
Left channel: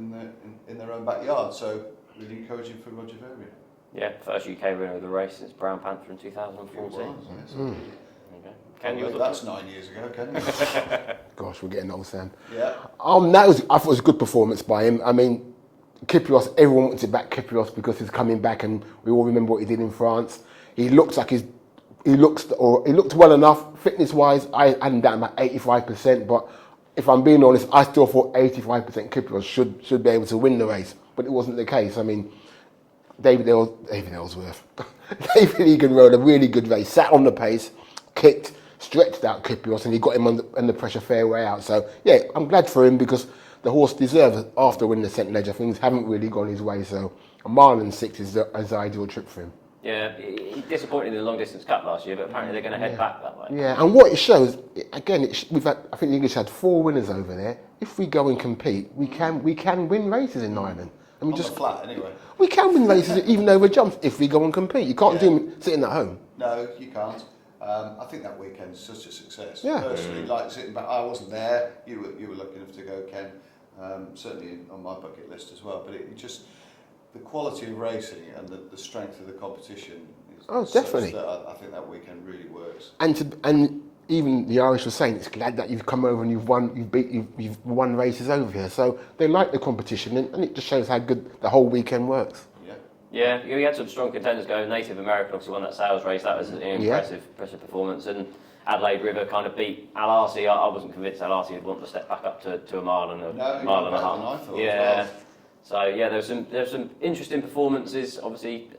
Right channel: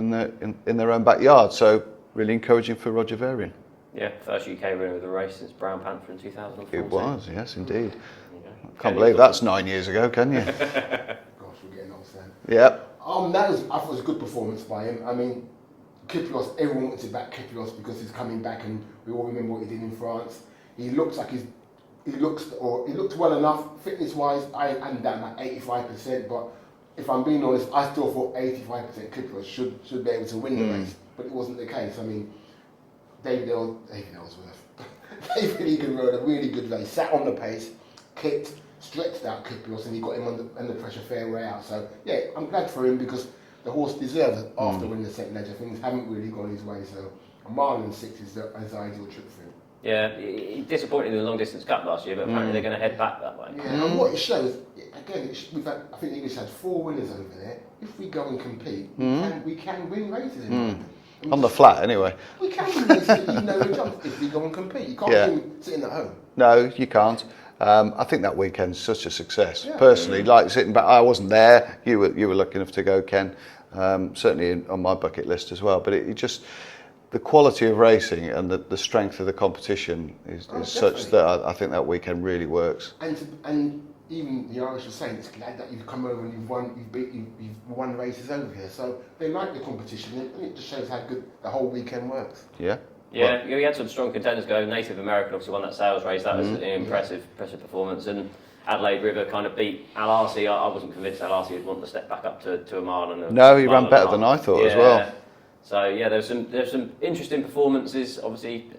in their own backyard. So really encouraging for Roger Varian. Yeah, first UK winner of the race since Brown Panther in 2014. It was, yes, indeed. Can't believe that's 9 years ago, can you? Gosh, we're getting old, Sam. Yeah. I thought it was a good performance by him. I mean, Kyprios, everyone wanted to back Kyprios because he's coming back, and we all remember what he did in France. He looked well enough fitness-wise, I hadn't done about 85%, but if I'm being honest, I still thought 85% Kipros should be able to win the race, but it wasn't the case. I mean, David Ellsworth, David Egan rode a really good race, sat on the pace, kicked, stretched out Kipros, and he got him under pressure fair way out. So, yeah, I'm glad for him because the horse deserves, after winning the St. Ledger, things haven't really gone his way. So, a mile and 6 is the ideal trip for him. Yeah, he disappointed in the long distance cup last year, but apparently they're going to head back that way. Yeah, and what it shows, again, I think the English had 4 winners over there. If we go and compete, we can win races in Ireland. On the flat, anyway. We can win races even over jumps if we go and compete. You can't do it sitting at home. No, you can't. I think that weekend's such a success. Yeah. Personally, like sitting back, I wasn't there. You were lucky enough to go, Ken. Certainly on my bucket list as well. But it just, the quality of racing and the strength of the competition is such that I think that weekend really works. And even the Irish were saying it's glad that you've come over and you've won races over here. So they like the competition, and it just shows how good the whole weekend works. Yeah. Yeah, we had some strong contenders go. Native American obviously won that sales race. That was an impressive performance. And Adelaide River kind of beat Al Arsi. I wasn't convinced Al Arsi would want to step back up to a mile and a No, he mile ran better than I thought as well. So yeah, there's some interesting performances. Obviously,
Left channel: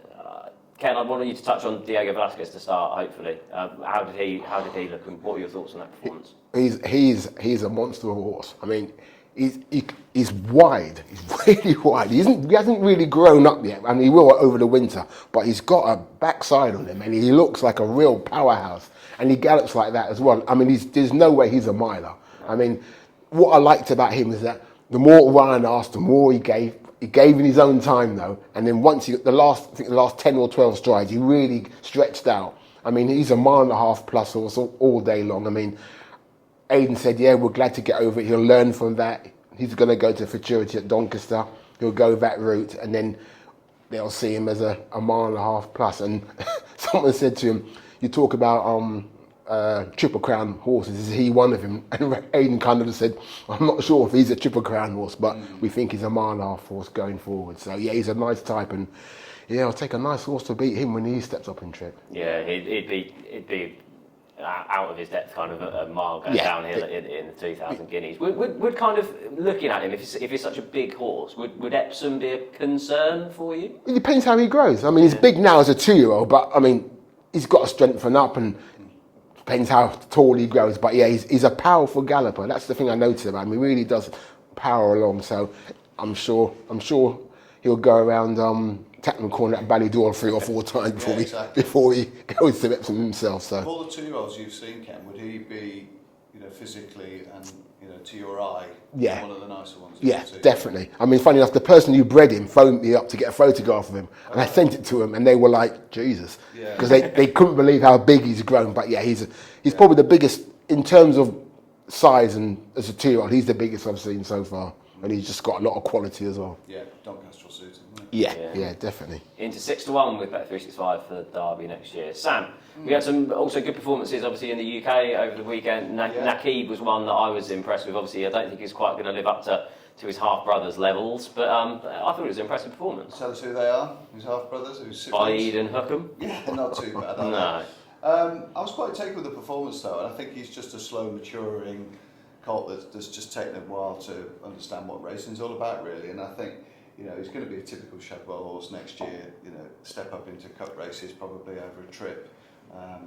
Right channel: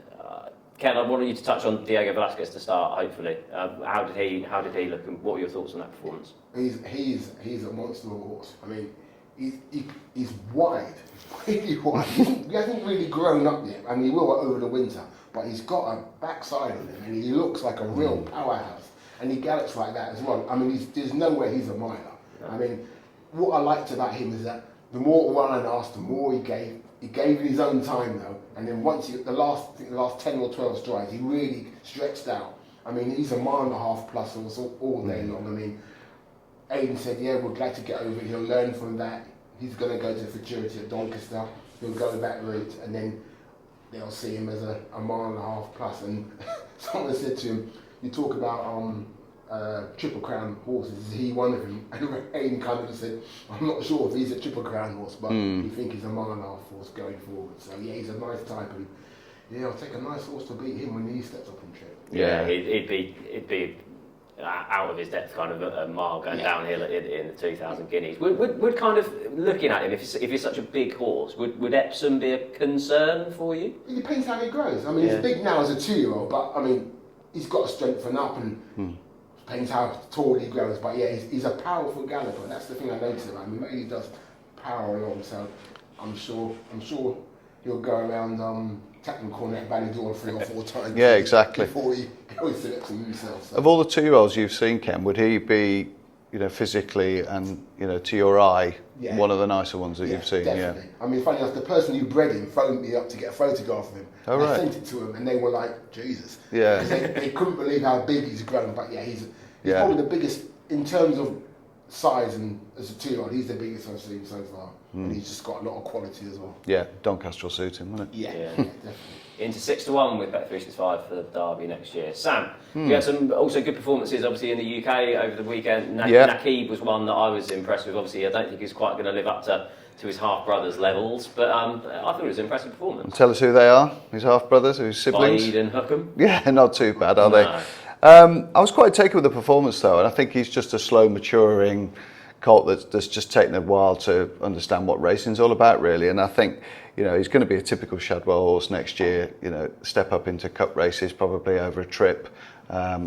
Ken, I wanted you to touch on Diego Velasquez to start. Hopefully, how did he look, and what were your thoughts on that performance? He's a monster of a horse. I mean, he's wide. He's really wide. He hasn't really grown up yet. I mean, he will over the winter, but he's got a backside on him, and he looks like a real powerhouse. And he gallops like that as well. I mean, there's no way he's a miler. I mean, what I liked about him is that the more Ryan asked, the more he gave. He gave in his own time though, and then once he got the last 10 or 12 strides, he really stretched out. I mean, he's a mile and a half plus horse all day long. I mean, Aidan said, yeah, we're glad to get over it. He'll learn from that. He's going to go to futurity at Doncaster. He'll go that route, and then they'll see him as a mile and a half plus. And someone said to him, you talk about Triple Crown horses, is he one of them? And Aidan kind of said, I'm not sure if he's a Triple Crown horse, but we think he's a mile and a half horse going forward. So yeah, he's a nice type, and yeah, it'll take a nice horse to beat him when he steps up in trip. Yeah, he'd be out of his depth, kind of a mile going downhill in the 2,000 guineas. Would kind of looking at him, if he's such a big horse, would Epsom be a concern for you? It depends how he grows. I mean, he's big now as a 2-year-old, but I mean, he's got to strengthen up and. Depends how tall he grows, but yeah, he's a powerful galloper. That's the thing I noticed about him. He really does power along. So I'm sure he'll go around Tatton Corner at Ballydor 3 or 4 times. Yeah, exactly. Before he goes to Epsom himself. So. Of all the 2-year-olds you've seen, Ken, would he be, physically and to your eye, one of the nicer ones that you've seen? Definitely. Yeah. I mean, funny enough, the person who bred him phoned me up to get a photograph of him. And I sent it to him, and they were like, Jesus. Yeah. Because they couldn't believe how big he's grown. But yeah, he's probably the biggest, in terms of size and as a 2-year-old, he's the biggest I've seen so far. And he's just got a lot of quality as well. Yeah, Doncaster will suit him, won't it? Yeah, definitely. Into 6-1 with Bet365 for the Derby next year. Sam, we had some also good performances, obviously, in the UK over the weekend. Nakib was one that I was impressed with. Obviously, I don't think he's quite going to live up to his half-brothers' levels, but I thought it was an impressive performance. Tell us who they are, his half-brothers, his siblings. Saeed and Hookham. Yeah, not too bad, are they? I was quite taken with the performance, though, and I think he's just a slow maturing colt that's just taken a while to understand what racing's all about, really. And I think, he's going to be a typical Shadwell horse next year. Step up into cup races probably over a trip.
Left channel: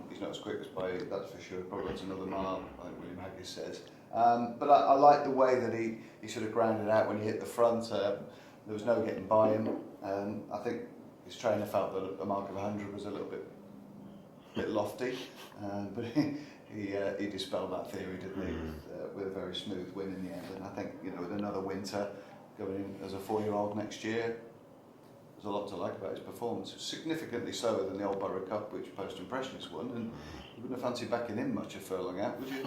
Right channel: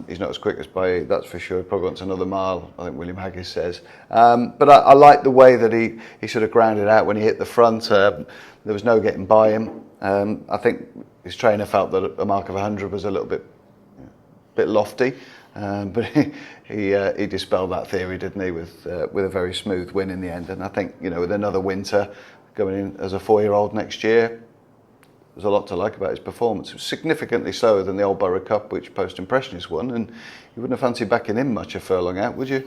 He's not as quick as Bailly, that's for sure. He probably wants another mile, I think William Haggis says. But I like the way that he sort of grounded out when he hit the front. There was no getting by him. I think his trainer felt that a mark of 100 was a little bit lofty, but he dispelled that theory, didn't he, with a very smooth win in the end. And I think, with another winter going in as a 4-year-old next year, there's a lot to like about his performance. It was significantly slower than the Old Borough Cup, which Post Impressionist won, and you wouldn't have fancied backing him much a furlong out, would you?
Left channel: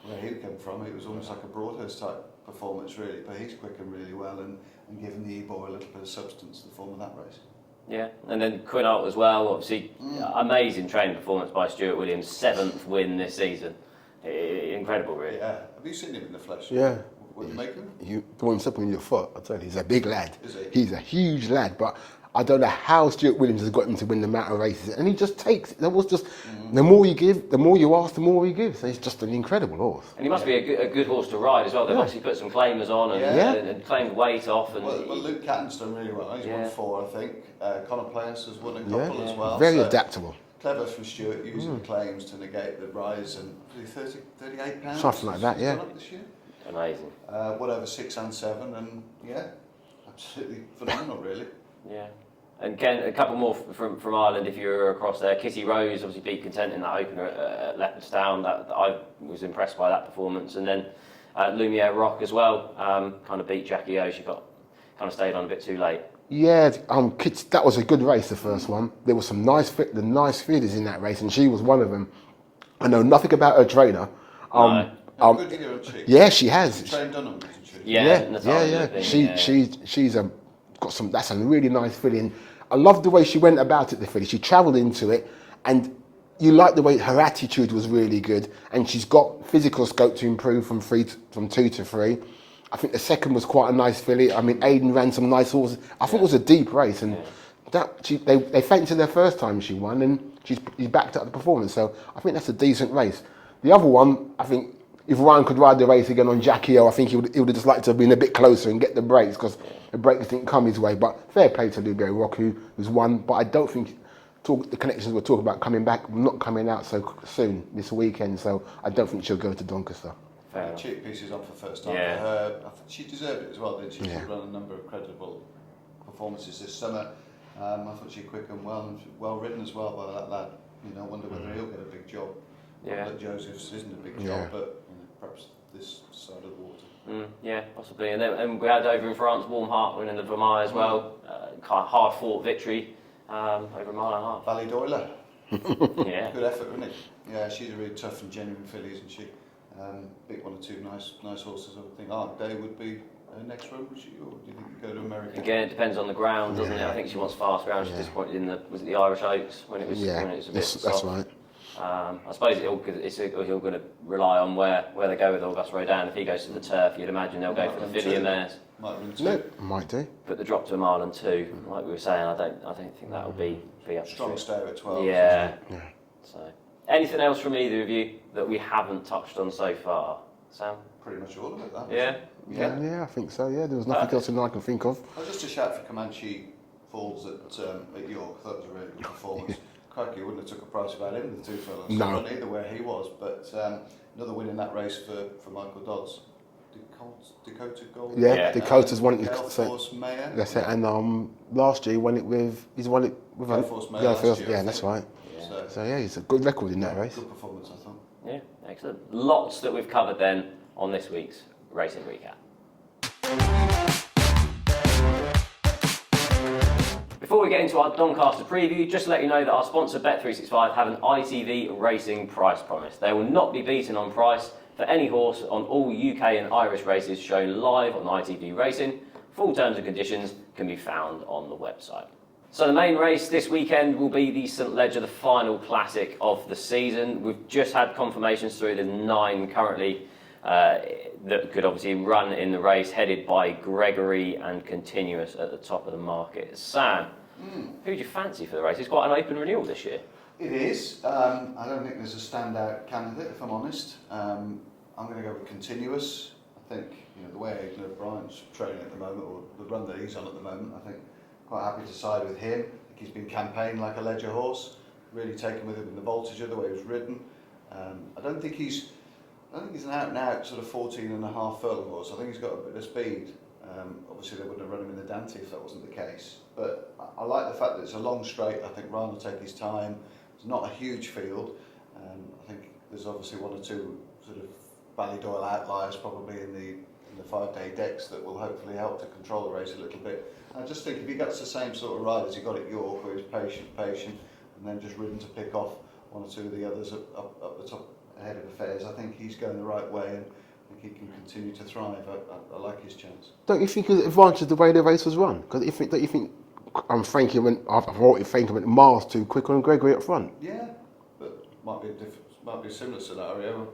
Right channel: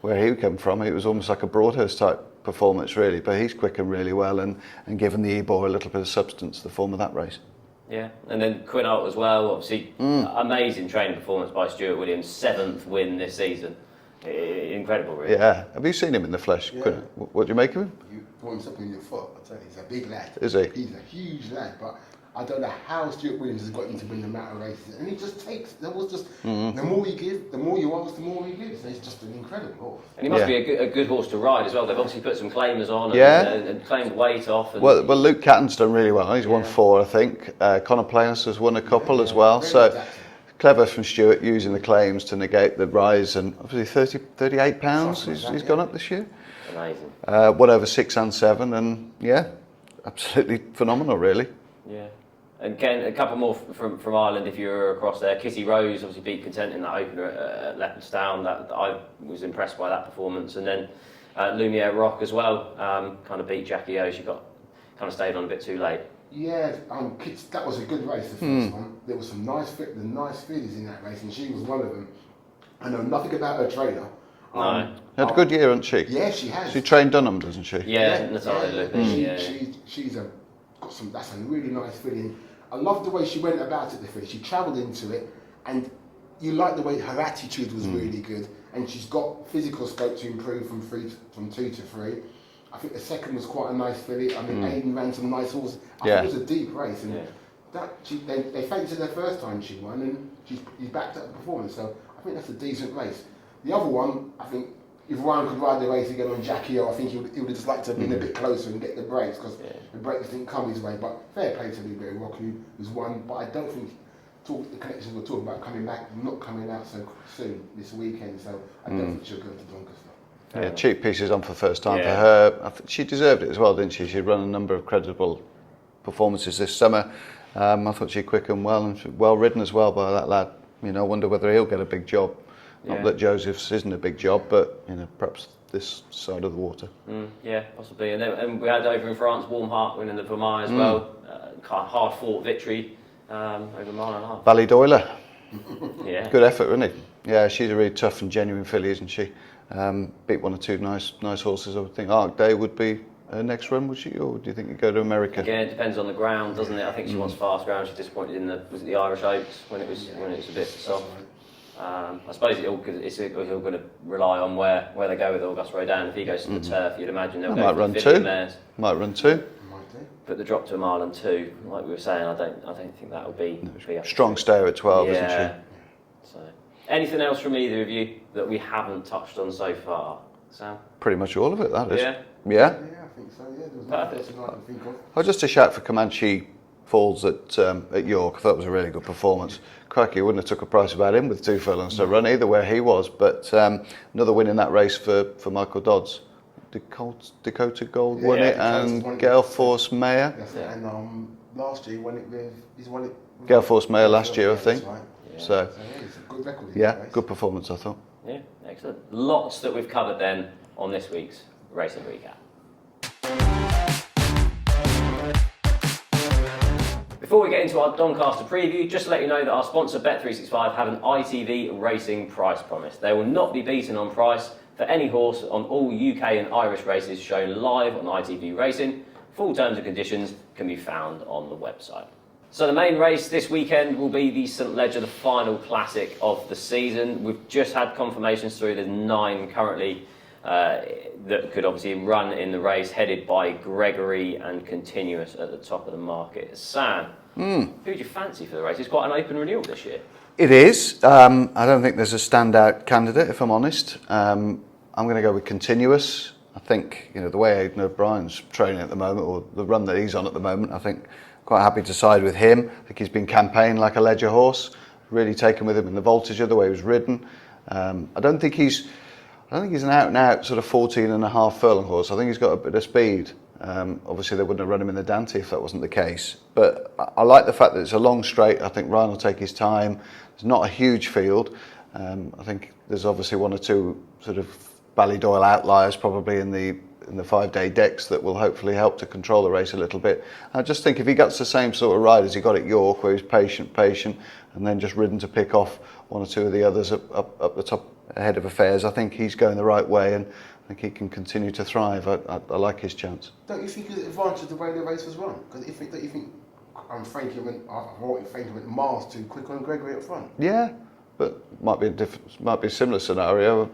Where he came from, it was almost like a Broadhurst type performance, really, but he's quickened really well and given the Ebor a little bit of substance, the form of that race. Yeah, and then Quinault as well, obviously amazing training performance by Stuart Williams, 7th win this season. Incredible, really. Yeah. Have you seen him in the flesh? Yeah. What do you make of him? You throw him something in your foot, I tell you, he's a big lad. Is he? He's a huge lad, but I don't know how Stuart Williams has got him to win the amount of races, and he just takes it. That was just the more you give, the more you ask, the more he gives. So it's just an incredible horse. And he must be a good horse to ride as well. They've obviously put some claimers on and claimed weight off. And well, Luke Catton's done really well. He's won 4, I think. Connor Players has won a couple as well. Very adaptable. Clever from Stuart using the claims to negate the rise, and obviously 38 pounds he's gone up this year. Amazing. Won over 6 and 7, and absolutely phenomenal, really. Yeah. And Ken, a couple more from Ireland if you're across there. Kitty Rose obviously beat Content in that opener at Leopardstown. That I was impressed by that performance. And then Lumiere Rock as well, kind of beat Jackie O. She kind of stayed on a bit too late. Yeah, that was a good race, the first one. There were some nice feeders in that race, and she was one of them. I know nothing about her trainer. No. Had a good year, hasn't she? Yeah, she has. She trained Dunham, doesn't she? She's got some. That's a really nice filly. I love the way she went about it. The filly, she travelled into it, and you like the way her attitude was really good. And she's got physical scope to improve from 2 to 3. I think the second was quite a nice filly. I mean, Aidan ran some nice horses. I think it was a deep race, and they fainted their first time she won, and she's backed up the performance. So I think that's a decent race. The other one, I think, if Ryan could ride the race again on Jackie O, I think he would have just liked to have been a bit closer and get the breaks, because the breaks didn't come his way. But fair play to Lumiere Rock, who's won. But I don't think the connections we're talking about coming back, not coming out so soon this weekend. So I don't think she'll go to Doncaster. Cheap pieces on for the first time for her. I think she deserved it as well, didn't she? She'd run a number of credible performances this summer. I thought she quickened well and well ridden as well by that lad. I wonder whether he'll get a big job. Not that Joseph's isn't a big job, but perhaps this side of the water. Yeah, possibly. And we had over in France, Warm Heart winning the Vermeer as well. Hard fought victory over a mile and a half. Ballydoyle. Yeah. Good effort, isn't it? Yeah, she's a really tough and genuine filly, isn't she? Beat 1 or 2 nice horses. I would think Arc Day would be her next run, would she? Or do you think you'd go to America? Again, it depends on the ground, doesn't it? I think she wants fast ground. She's disappointed in the Irish Oaks when it was a bit soft. That's right. I suppose it's all going to rely on where they go with Auguste Rodin. If he goes to the turf, you'd imagine they'll go for the filly and mares. Might run 2. Might do. But the drop to a mile and 2, like we were saying, I don't think that'll be up. Strong stayer at 12, isn't she? Yeah. So, anything else from either of you that we haven't touched on so far, Sam? Pretty much all of it, that is. Yeah. Yeah, I think so. Yeah, there was nothing else I can think of. Well, just a shout for Comanche Falls at York. I thought it was a really good performance. Crikey, wouldn't have took a price about him with 2 furlongs to run either where he was. But another win in that race for Michael Dodds. Dakota Gold won it. Dakota's won it. Gale Force Mayor. That's it. And last year he won it with Gale Force Mayor last year, I think. That's right. Yeah. So he's a good record in that race. Good performance, I thought. Yeah, excellent. Lots that we've covered then on this week's Racing Recap. Before we get into our Doncaster preview, just to let you know that our sponsor Bet365 have an ITV racing price promise. They will not be beaten on price for any horse on all UK and Irish races shown live on ITV Racing. Full terms and conditions can be found on the website. So the main race this weekend will be the St Ledger, the final classic of the season. We've just had confirmations through. There's 9 currently that could obviously run in the race, headed by Gregory and Continuous at the top of the market. Sam, who do you fancy for the race? It's quite an open renewal this year. It is. I don't think there's a standout candidate, if I'm honest. I'm going to go with Continuous. I think the way Aidan O'Brien's training at the moment, or the run that he's on at the moment, I think quite happy to side with him. I think he's been campaigned like a Ledger horse, really taken with him in the Voltigeur, the way he was ridden. I don't think he's an out-and-out sort of 14.5 furlong horse. I think he's got a bit of speed. Obviously, they wouldn't have run him in the Dante if that wasn't the case. But I like the fact that it's a long straight. I think Ryan will take his time. It's not a huge field. I think there's obviously 1 or 2 sort of Ballydoyle outliers probably in the 5-day decks that will hopefully help to control the race a little bit. I just think if he gets the same sort of ride as he got at York, where he's patient, and then just ridden to pick off 1 or 2 of the others up the top ahead of affairs, I think he's going the right way, and I think he can continue to thrive. I like his chance. Don't you think it's advantage the way the race was run? Because don't you think Frankie went miles too quick on Gregory up front? Yeah, but might be a similar scenario.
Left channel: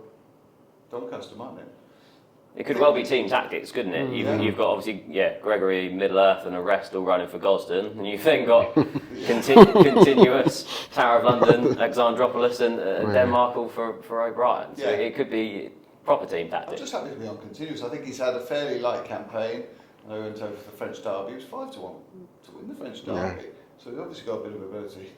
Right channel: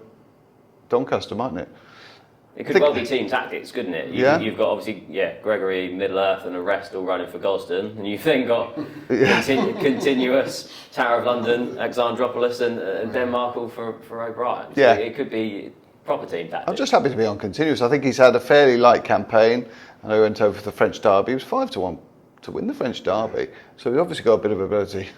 Doncaster, mightn't it? It could well be team tactics, couldn't it? You've got obviously, Gregory, Middle Earth and the rest all running for Gosden, and you've then got continuous Tower of London, Alexandropolis and Denmark all for O'Brien. So it could be proper team tactics. I'm just happy to be on continuous. I think he's had a fairly light campaign. I know he went over for the French Derby. He was 5-1 to win the French Derby. So he's obviously got a bit of ability,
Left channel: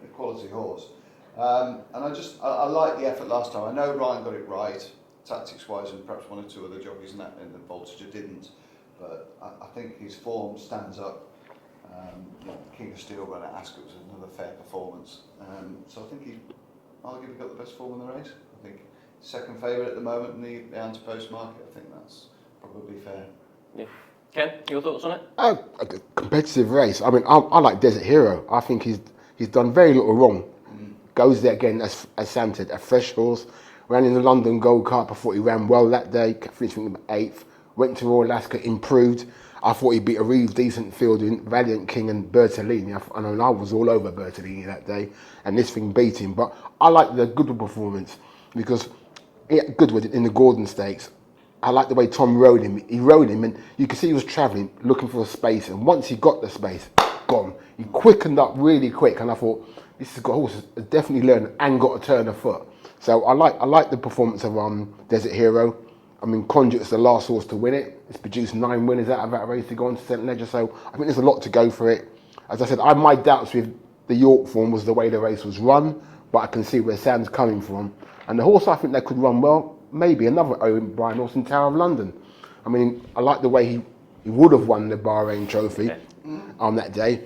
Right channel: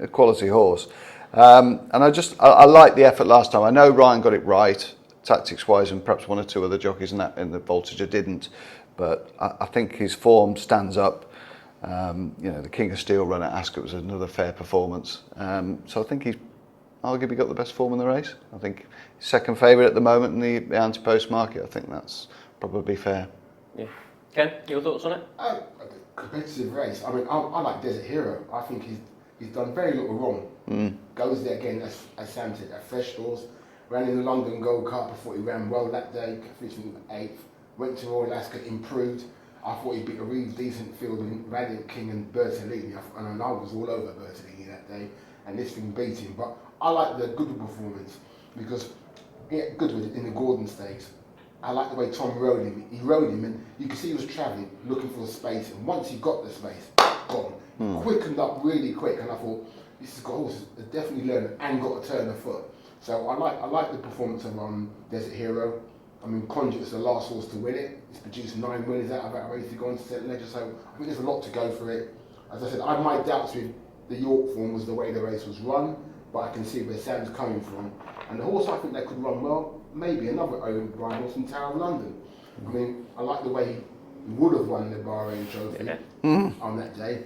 a quality horse. And I like the effort last time. I know Ryan got it right, tactics-wise, and perhaps one or two other jockeys in the Voltager didn't. But I think his form stands up. The King of Steel run at Ascot was another fair performance. So I think he's arguably got the best form in the race. I think he's second favourite at the moment in the anti-post market. I think that's probably fair. Yeah. Ken, your thoughts on it? A competitive race. I mean, I like Desert Hero. I think he's done very little wrong. Goes there again, as Sam said, a fresh horse. Ran in the London Gold Cup. I thought he ran well that day. Finished 8th. Went to Royal Ascot, improved. I thought he beat a really decent field in Valiant King and Bertolini. I was all over Bertolini that day, and this thing beat him. But I like the Goodwood performance because Goodwood in the Gordon Stakes. I like the way Tom rode him. He rode him, and you could see he was travelling, looking for a space. And once he got the space, gone. He quickened up really quick, and I thought this has got horses has definitely learned and got a turn of foot. So I like the performance of Desert Hero. I mean, Conduit's the last horse to win it. It's produced 9 winners out of that race to go on to St Ledger. So I think there's a lot to go for it. As I said, I had my doubts with the York form was the way the race was run, but I can see where Sam's coming from. And the horse I think that could run well, maybe another O'Brien horse in Tower of London. I mean, I like the way he would have won the Bahrain Trophy on that day.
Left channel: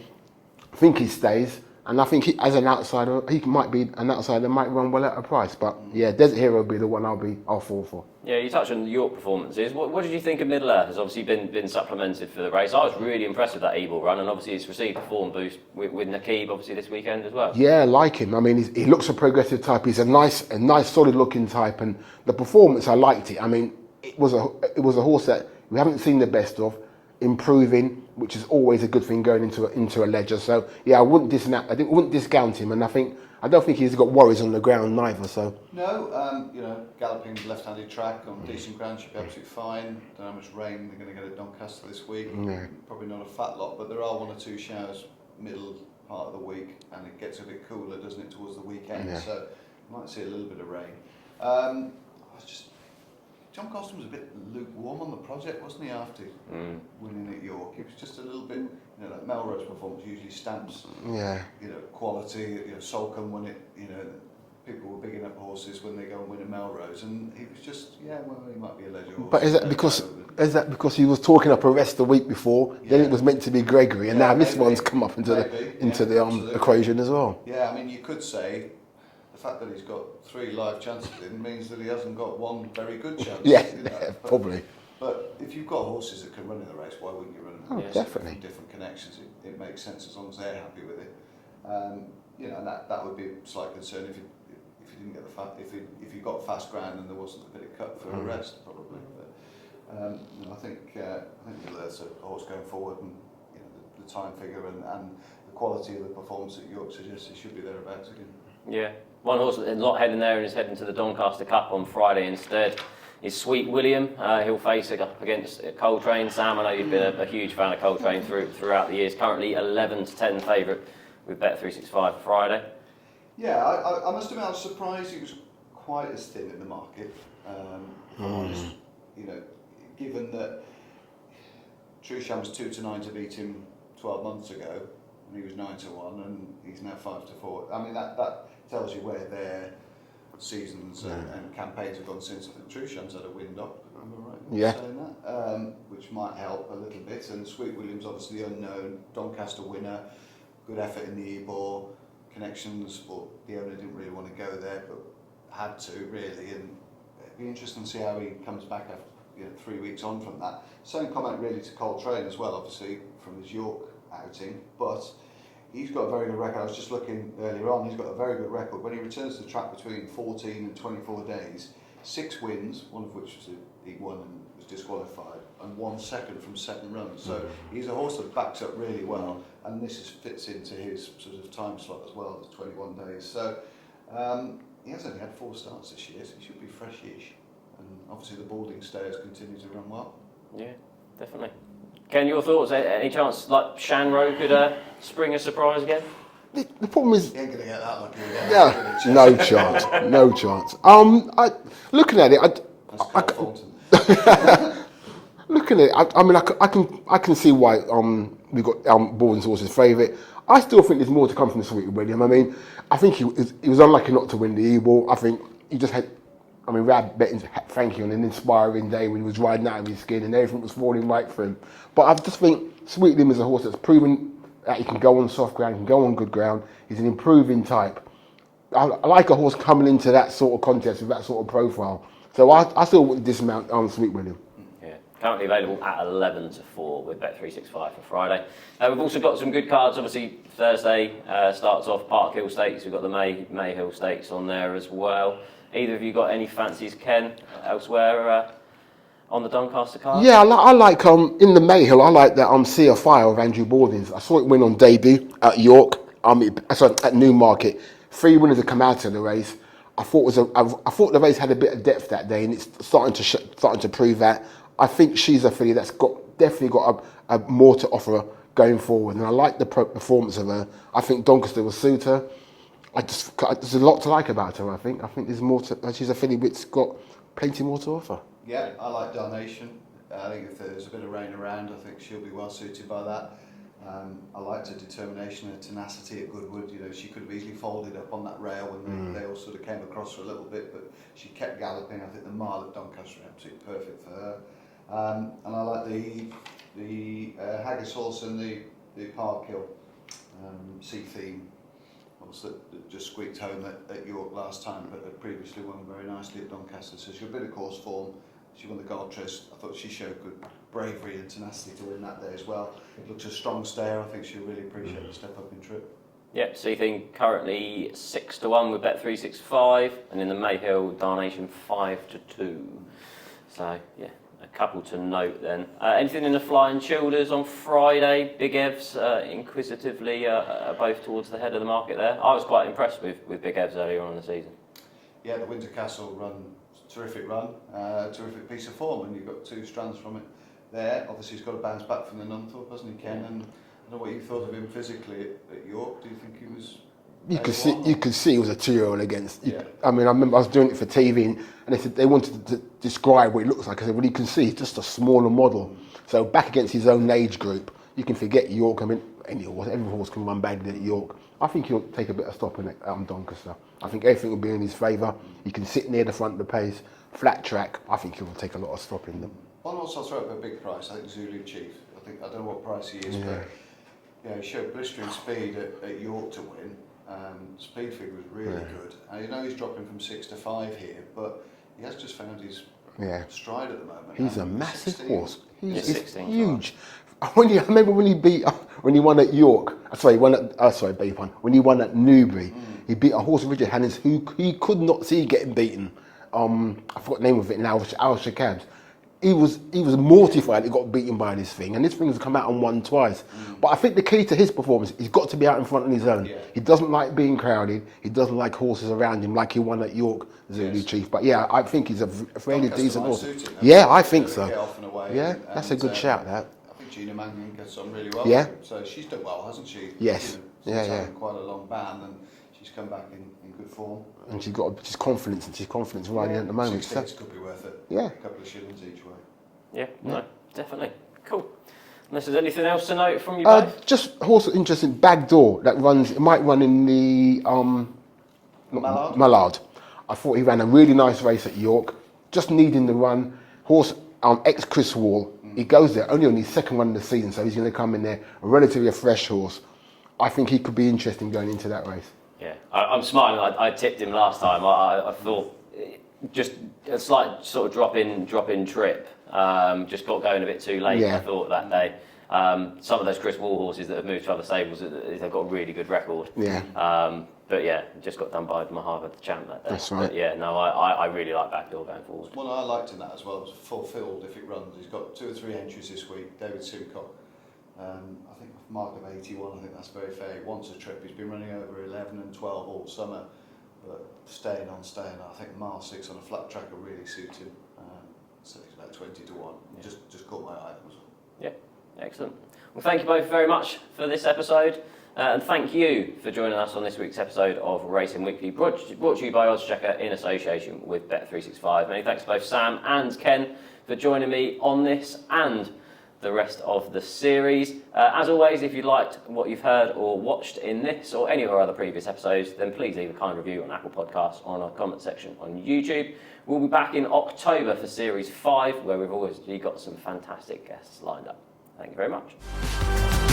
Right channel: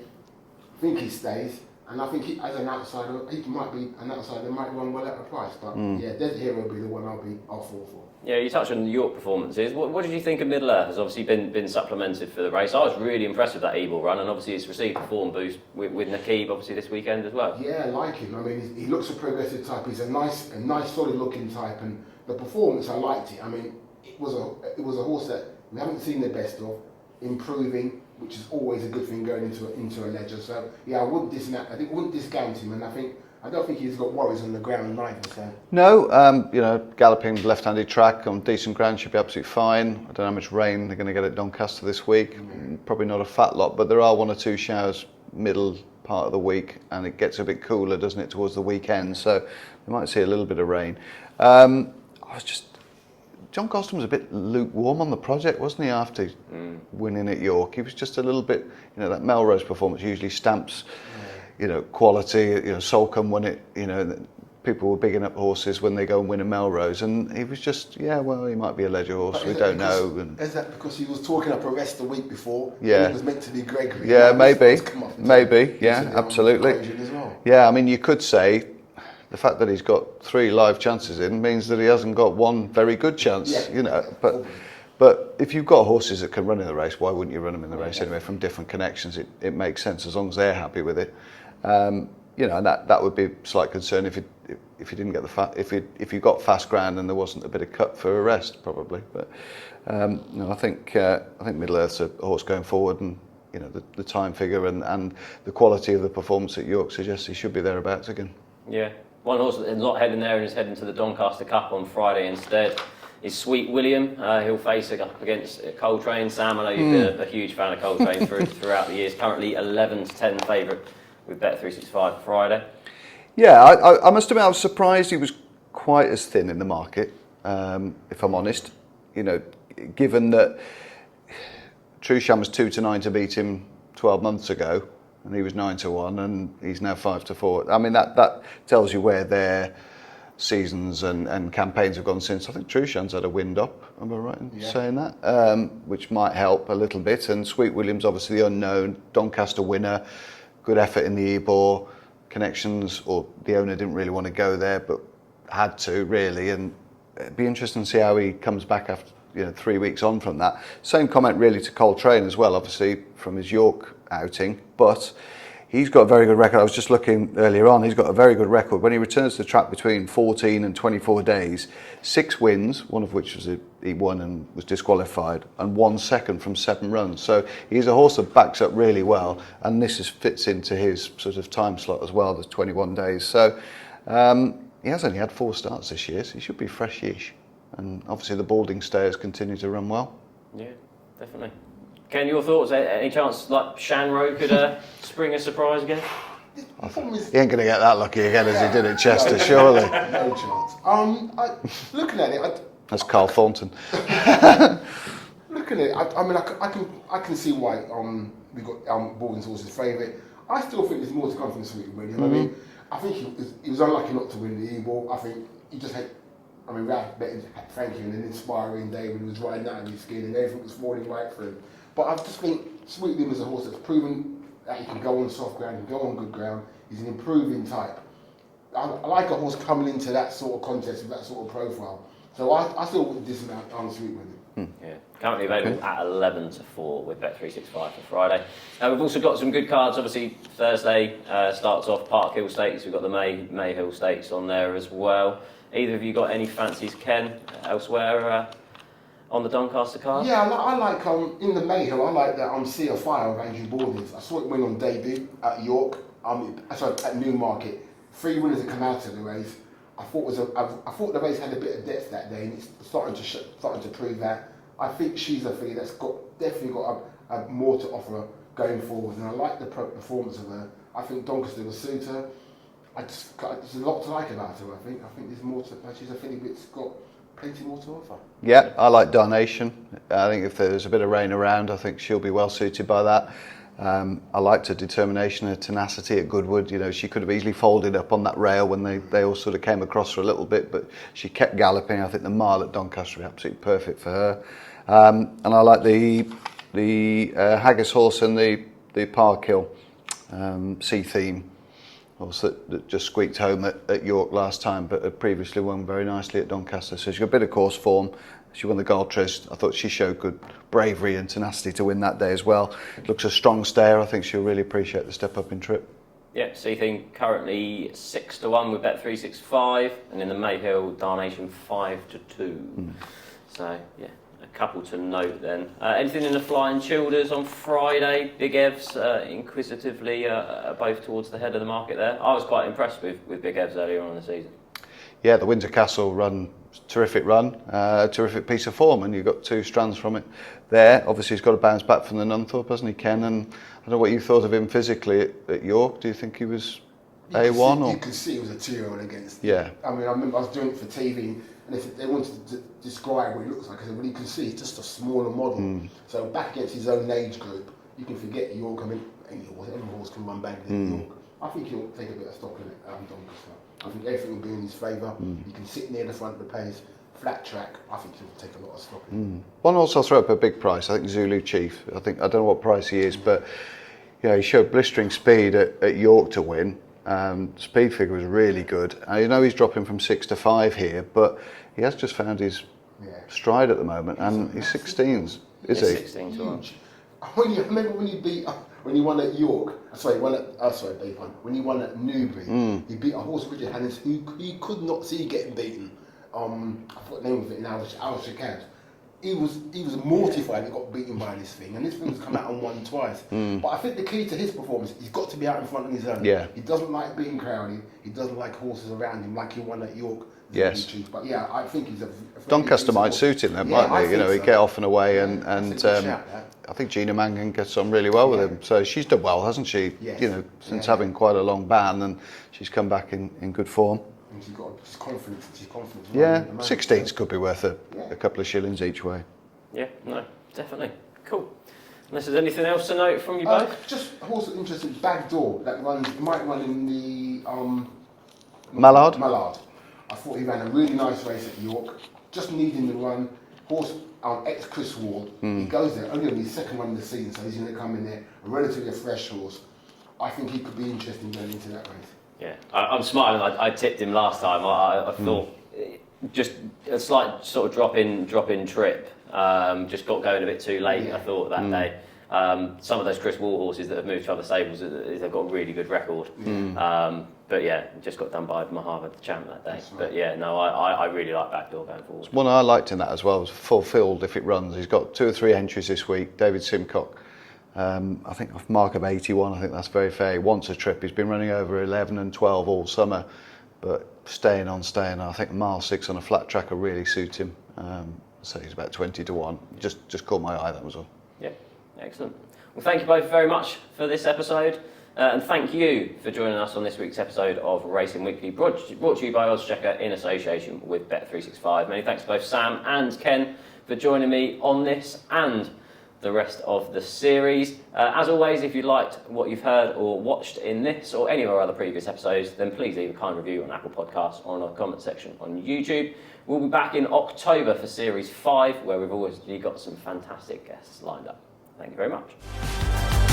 I think he stays. And I think as an outsider, he might be an outsider that might run well at a price. But Desert Hero will be the one I'll fall for. Yeah, you touched on the York performances. What did you think of Middle Earth? Has obviously been supplemented for the race. I was really impressed with that Ebor run, and obviously he's received a form boost with Nakib obviously this weekend as well. Yeah, I like him. I mean, he looks a progressive type. He's a nice, solid looking type, and the performance I liked it. I mean, it was a horse that we haven't seen the best of, improving, which is always a good thing going into a Ledger. So I wouldn't discount him, and I don't think he's got worries on the ground neither. So no, galloping left-handed track on decent ground should be absolutely fine. I don't know how much rain they're going to get at Doncaster this week. Probably not a fat lot, but there are 1 or 2 showers middle part of the week, and it gets a bit cooler, doesn't it, towards the weekend? So we might see a little bit of rain. John Gosden was a bit lukewarm on the project, wasn't he, after winning at York? He was just a little bit, that Melrose performance usually stamps, quality. Solcombe won it, people were bigging up horses when they go and win a Melrose, and he was just, he might be a Ledger horse. But is that because he was talking up a rest the week before? Yeah. It was meant to be Gregory. Yeah, and maybe. Come up into the absolutely. Equation as well. Yeah, I mean, you could say the fact that he's got 3 live chances in means that he hasn't got 1 very good chance. Probably. But if you've got horses that can run in the race, why wouldn't you run them in the race anyway from different connections? It makes sense as long as they're happy with it. And that would be a slight concern if you didn't get if you got fast ground and there wasn't a bit of cut for a rest probably. But I think Middle Earth's a horse going forward, and the time figure and the quality of the performance at York suggests he should be thereabouts again. Yeah. One horse that's not heading there and is heading to the Doncaster Cup on Friday instead is Sweet William. He'll face up against Coltrane. Sam, I know you've been a huge fan of Coltrane throughout the years. Currently 11-10 favourite with Bet365 for Friday. Yeah, I must admit I was surprised he was quite as thin in the market, if I'm honest. Given that Trusham was 2-9 to beat him 12 months ago, and he was 9-1, and he's now 5-4. I mean, that tells you where their seasons and campaigns have gone since. I think Trusham's had a wind up, am I right in saying that? Which might help a little bit. And Sweet William's obviously the unknown, Doncaster winner, good effort in the Ebor, connections, or the owner didn't really want to go there, but had to, really. And it'd be interesting to see how he comes back after 3 weeks on from that. Same comment really to Coltrane as well, obviously, from his York outing, but he's got a very good record. I was just looking earlier on, he's got a very good record. When he returns to the track between 14 and 24 days, 6 wins, one of which was he won and was disqualified, and 1 second from 7 runs. So he's a horse that backs up really well, and this fits into his sort of time slot as well, there's 21 days. So he has only had 4 starts this year, so he should be fresh-ish. And obviously the Balding stayers continue to run well. Yeah, definitely. Ken, your thoughts? Any chance like Shanroe could spring a surprise again? The problem is, He ain't going to get that lucky again yeah, as he did at Chester, surely. no chance. Looking at it, That's Carl Thornton. looking at it, I mean, I can see why we got Balding's horse's favourite. I still think there's more to come from Sweet William. I mean, I think he was unlucky not to win the E-Ball. I think he just had. I mean, Rab Betting's had Frankie on an inspiring day when he was riding out of his skin and everything was falling right for him. But I just think Sweet William is a horse that's proven that he can go on soft ground, he can go on good ground. He's an improving type. I like a horse coming into that sort of contest with that sort of profile. So I still would dismount on Sweet William. Yeah, currently available at 11-4 with Bet365 for Friday. We've also got some good cards. Obviously, Thursday starts off Park Hill Stakes. We've got the May Hill Stakes on there as well. Either of you got any fancies, Ken, elsewhere on the Doncaster card? Yeah, I like in the Mayhill. I like that Sea of Fire of Andrew Balding's. I saw it win on debut at York. At Newmarket. 3 winners have come out of the race. I thought the race had a bit of depth that day, and it's starting to prove that. I think she's a filly that's definitely got a more to offer going forward, and I like the performance of her. I think Doncaster will suit her. There's a lot to like about her. I think there's more to. She's a filly which's got plenty more to offer. Yeah, I like Darnation. I think if there's a bit of rain around, I think she'll be well suited by that. I liked her determination, her tenacity at Goodwood. You know, she could have easily folded up on that rail when they all sort of came across for a little bit, but she kept galloping. I think the mile at Doncaster was absolutely perfect for her. And I like the Haggis horse and the Park Hill Sea Theme horse that just squeaked home at York last time, but had previously won very nicely at Doncaster. So she's got a bit of course form. She won the Gold Trist. I thought she showed good bravery and tenacity to win that day as well. Looks a strong stayer. I think she'll really appreciate the step up in trip. Yep, Seething currently 6-1 with Bet365, and in the Mayhill Darnation 5-2. So yeah, a couple to note then. Anything in the Flying Childers on Friday? Big Evs inquisitively both towards the head of the market there. I was quite impressed with Big Evs earlier on in the season. Yeah, the Windsor Castle terrific run, terrific piece of form, and you've got 2 strands from it there. Obviously he's got to bounce back from the Nunthorpe, hasn't he, Ken? And I don't know what you thought of him physically at York. Do you think he was A1? You could see he was a 2-year-old against. Yeah. I mean, I remember I was doing it for TV, and they said they wanted to describe what it looks like. I said, well, you can see it's just a smaller model. So back against his own age group, you can forget York. I mean, every horse can run badly in York. I think he'll take a bit of stopping at Doncaster. I think everything will be in his favour. He can sit near the front of the pace, flat track. I think he'll take a lot of stopping. One horse I'll throw up a big price. I think Zulu Chief. I don't know what price he is, but yeah, he showed blistering speed at York to win. Speed figure was really good. You know he's dropping from 6 to 5 here, but he has just found his stride at the moment. He's 16. Horse. Is he? 16, huge. I remember when he won at York. When he won at Newbury, he beat a horse, Richard Hannings, who he could not see getting beaten. I forgot the name of it now. Al-Shakad. He was mortified he got beaten by this thing, and this thing's come out and won twice. But I think the key to his performance, he's got to be out in front on his own. Yeah. He doesn't like being crowded. He doesn't like horses around him like he won at York. Yes. Chief. But yeah, I think he's a Doncaster might suit him. Yeah, I think so. He'd get off and away, and that's a good shout. That. I think Gina Mangan gets on really well with him. So she's done well, hasn't she? Yes. You know, since having quite a long ban, and she's come back in good form. And she's got just confidence, and she's confidence right at the moment. 16s could be worth a couple of shillings each way. Yeah, no, definitely. Cool. Unless there's anything else to note from you both? Just horse interesting Backdoor that runs. It might run in the Mallard. Mallard. I thought he ran a really nice race at York. Just needing the run. Horse ex Chris Wall. He goes there only on his second run of the season, so he's going to come in there relatively a fresh horse. I think he could be interesting going into that race. Yeah, I'm smiling. I tipped him last time. I thought just a slight sort of drop in trip. Just got going a bit too late. I thought that day. Some of those Chris Wall horses that have moved to other stables, they've got a really good record. But yeah, just got done by Mahava, the champ, that day. That's right. But yeah, no, I really like Backdoor going forward. One I liked in that as well was fulfilled if it runs. He's got 2 or 3 entries this week. David Simcock. I think off mark of 81. I think that's very fair. He wants a trip. He's been running over 11 and 12 all summer, but staying on. I think mile 6 on a flat track will really suit him. So he's about 20 to 1. Just caught my eye, that was all. Yeah, excellent. Well, thank you both very much for this episode. And thank you for joining us on this week's episode of Racing Weekly, brought to you by oddschecker in association with Bet365. Many thanks to both Sam and Ken for joining me on this and the rest of the series. As always, if you liked what you've heard or watched in this or any of our other previous episodes, then please leave a kind review on Apple Podcasts or on our comment section on YouTube. We'll be back in October for Series 5, where we've already got some fantastic guests lined up. Thank you very much.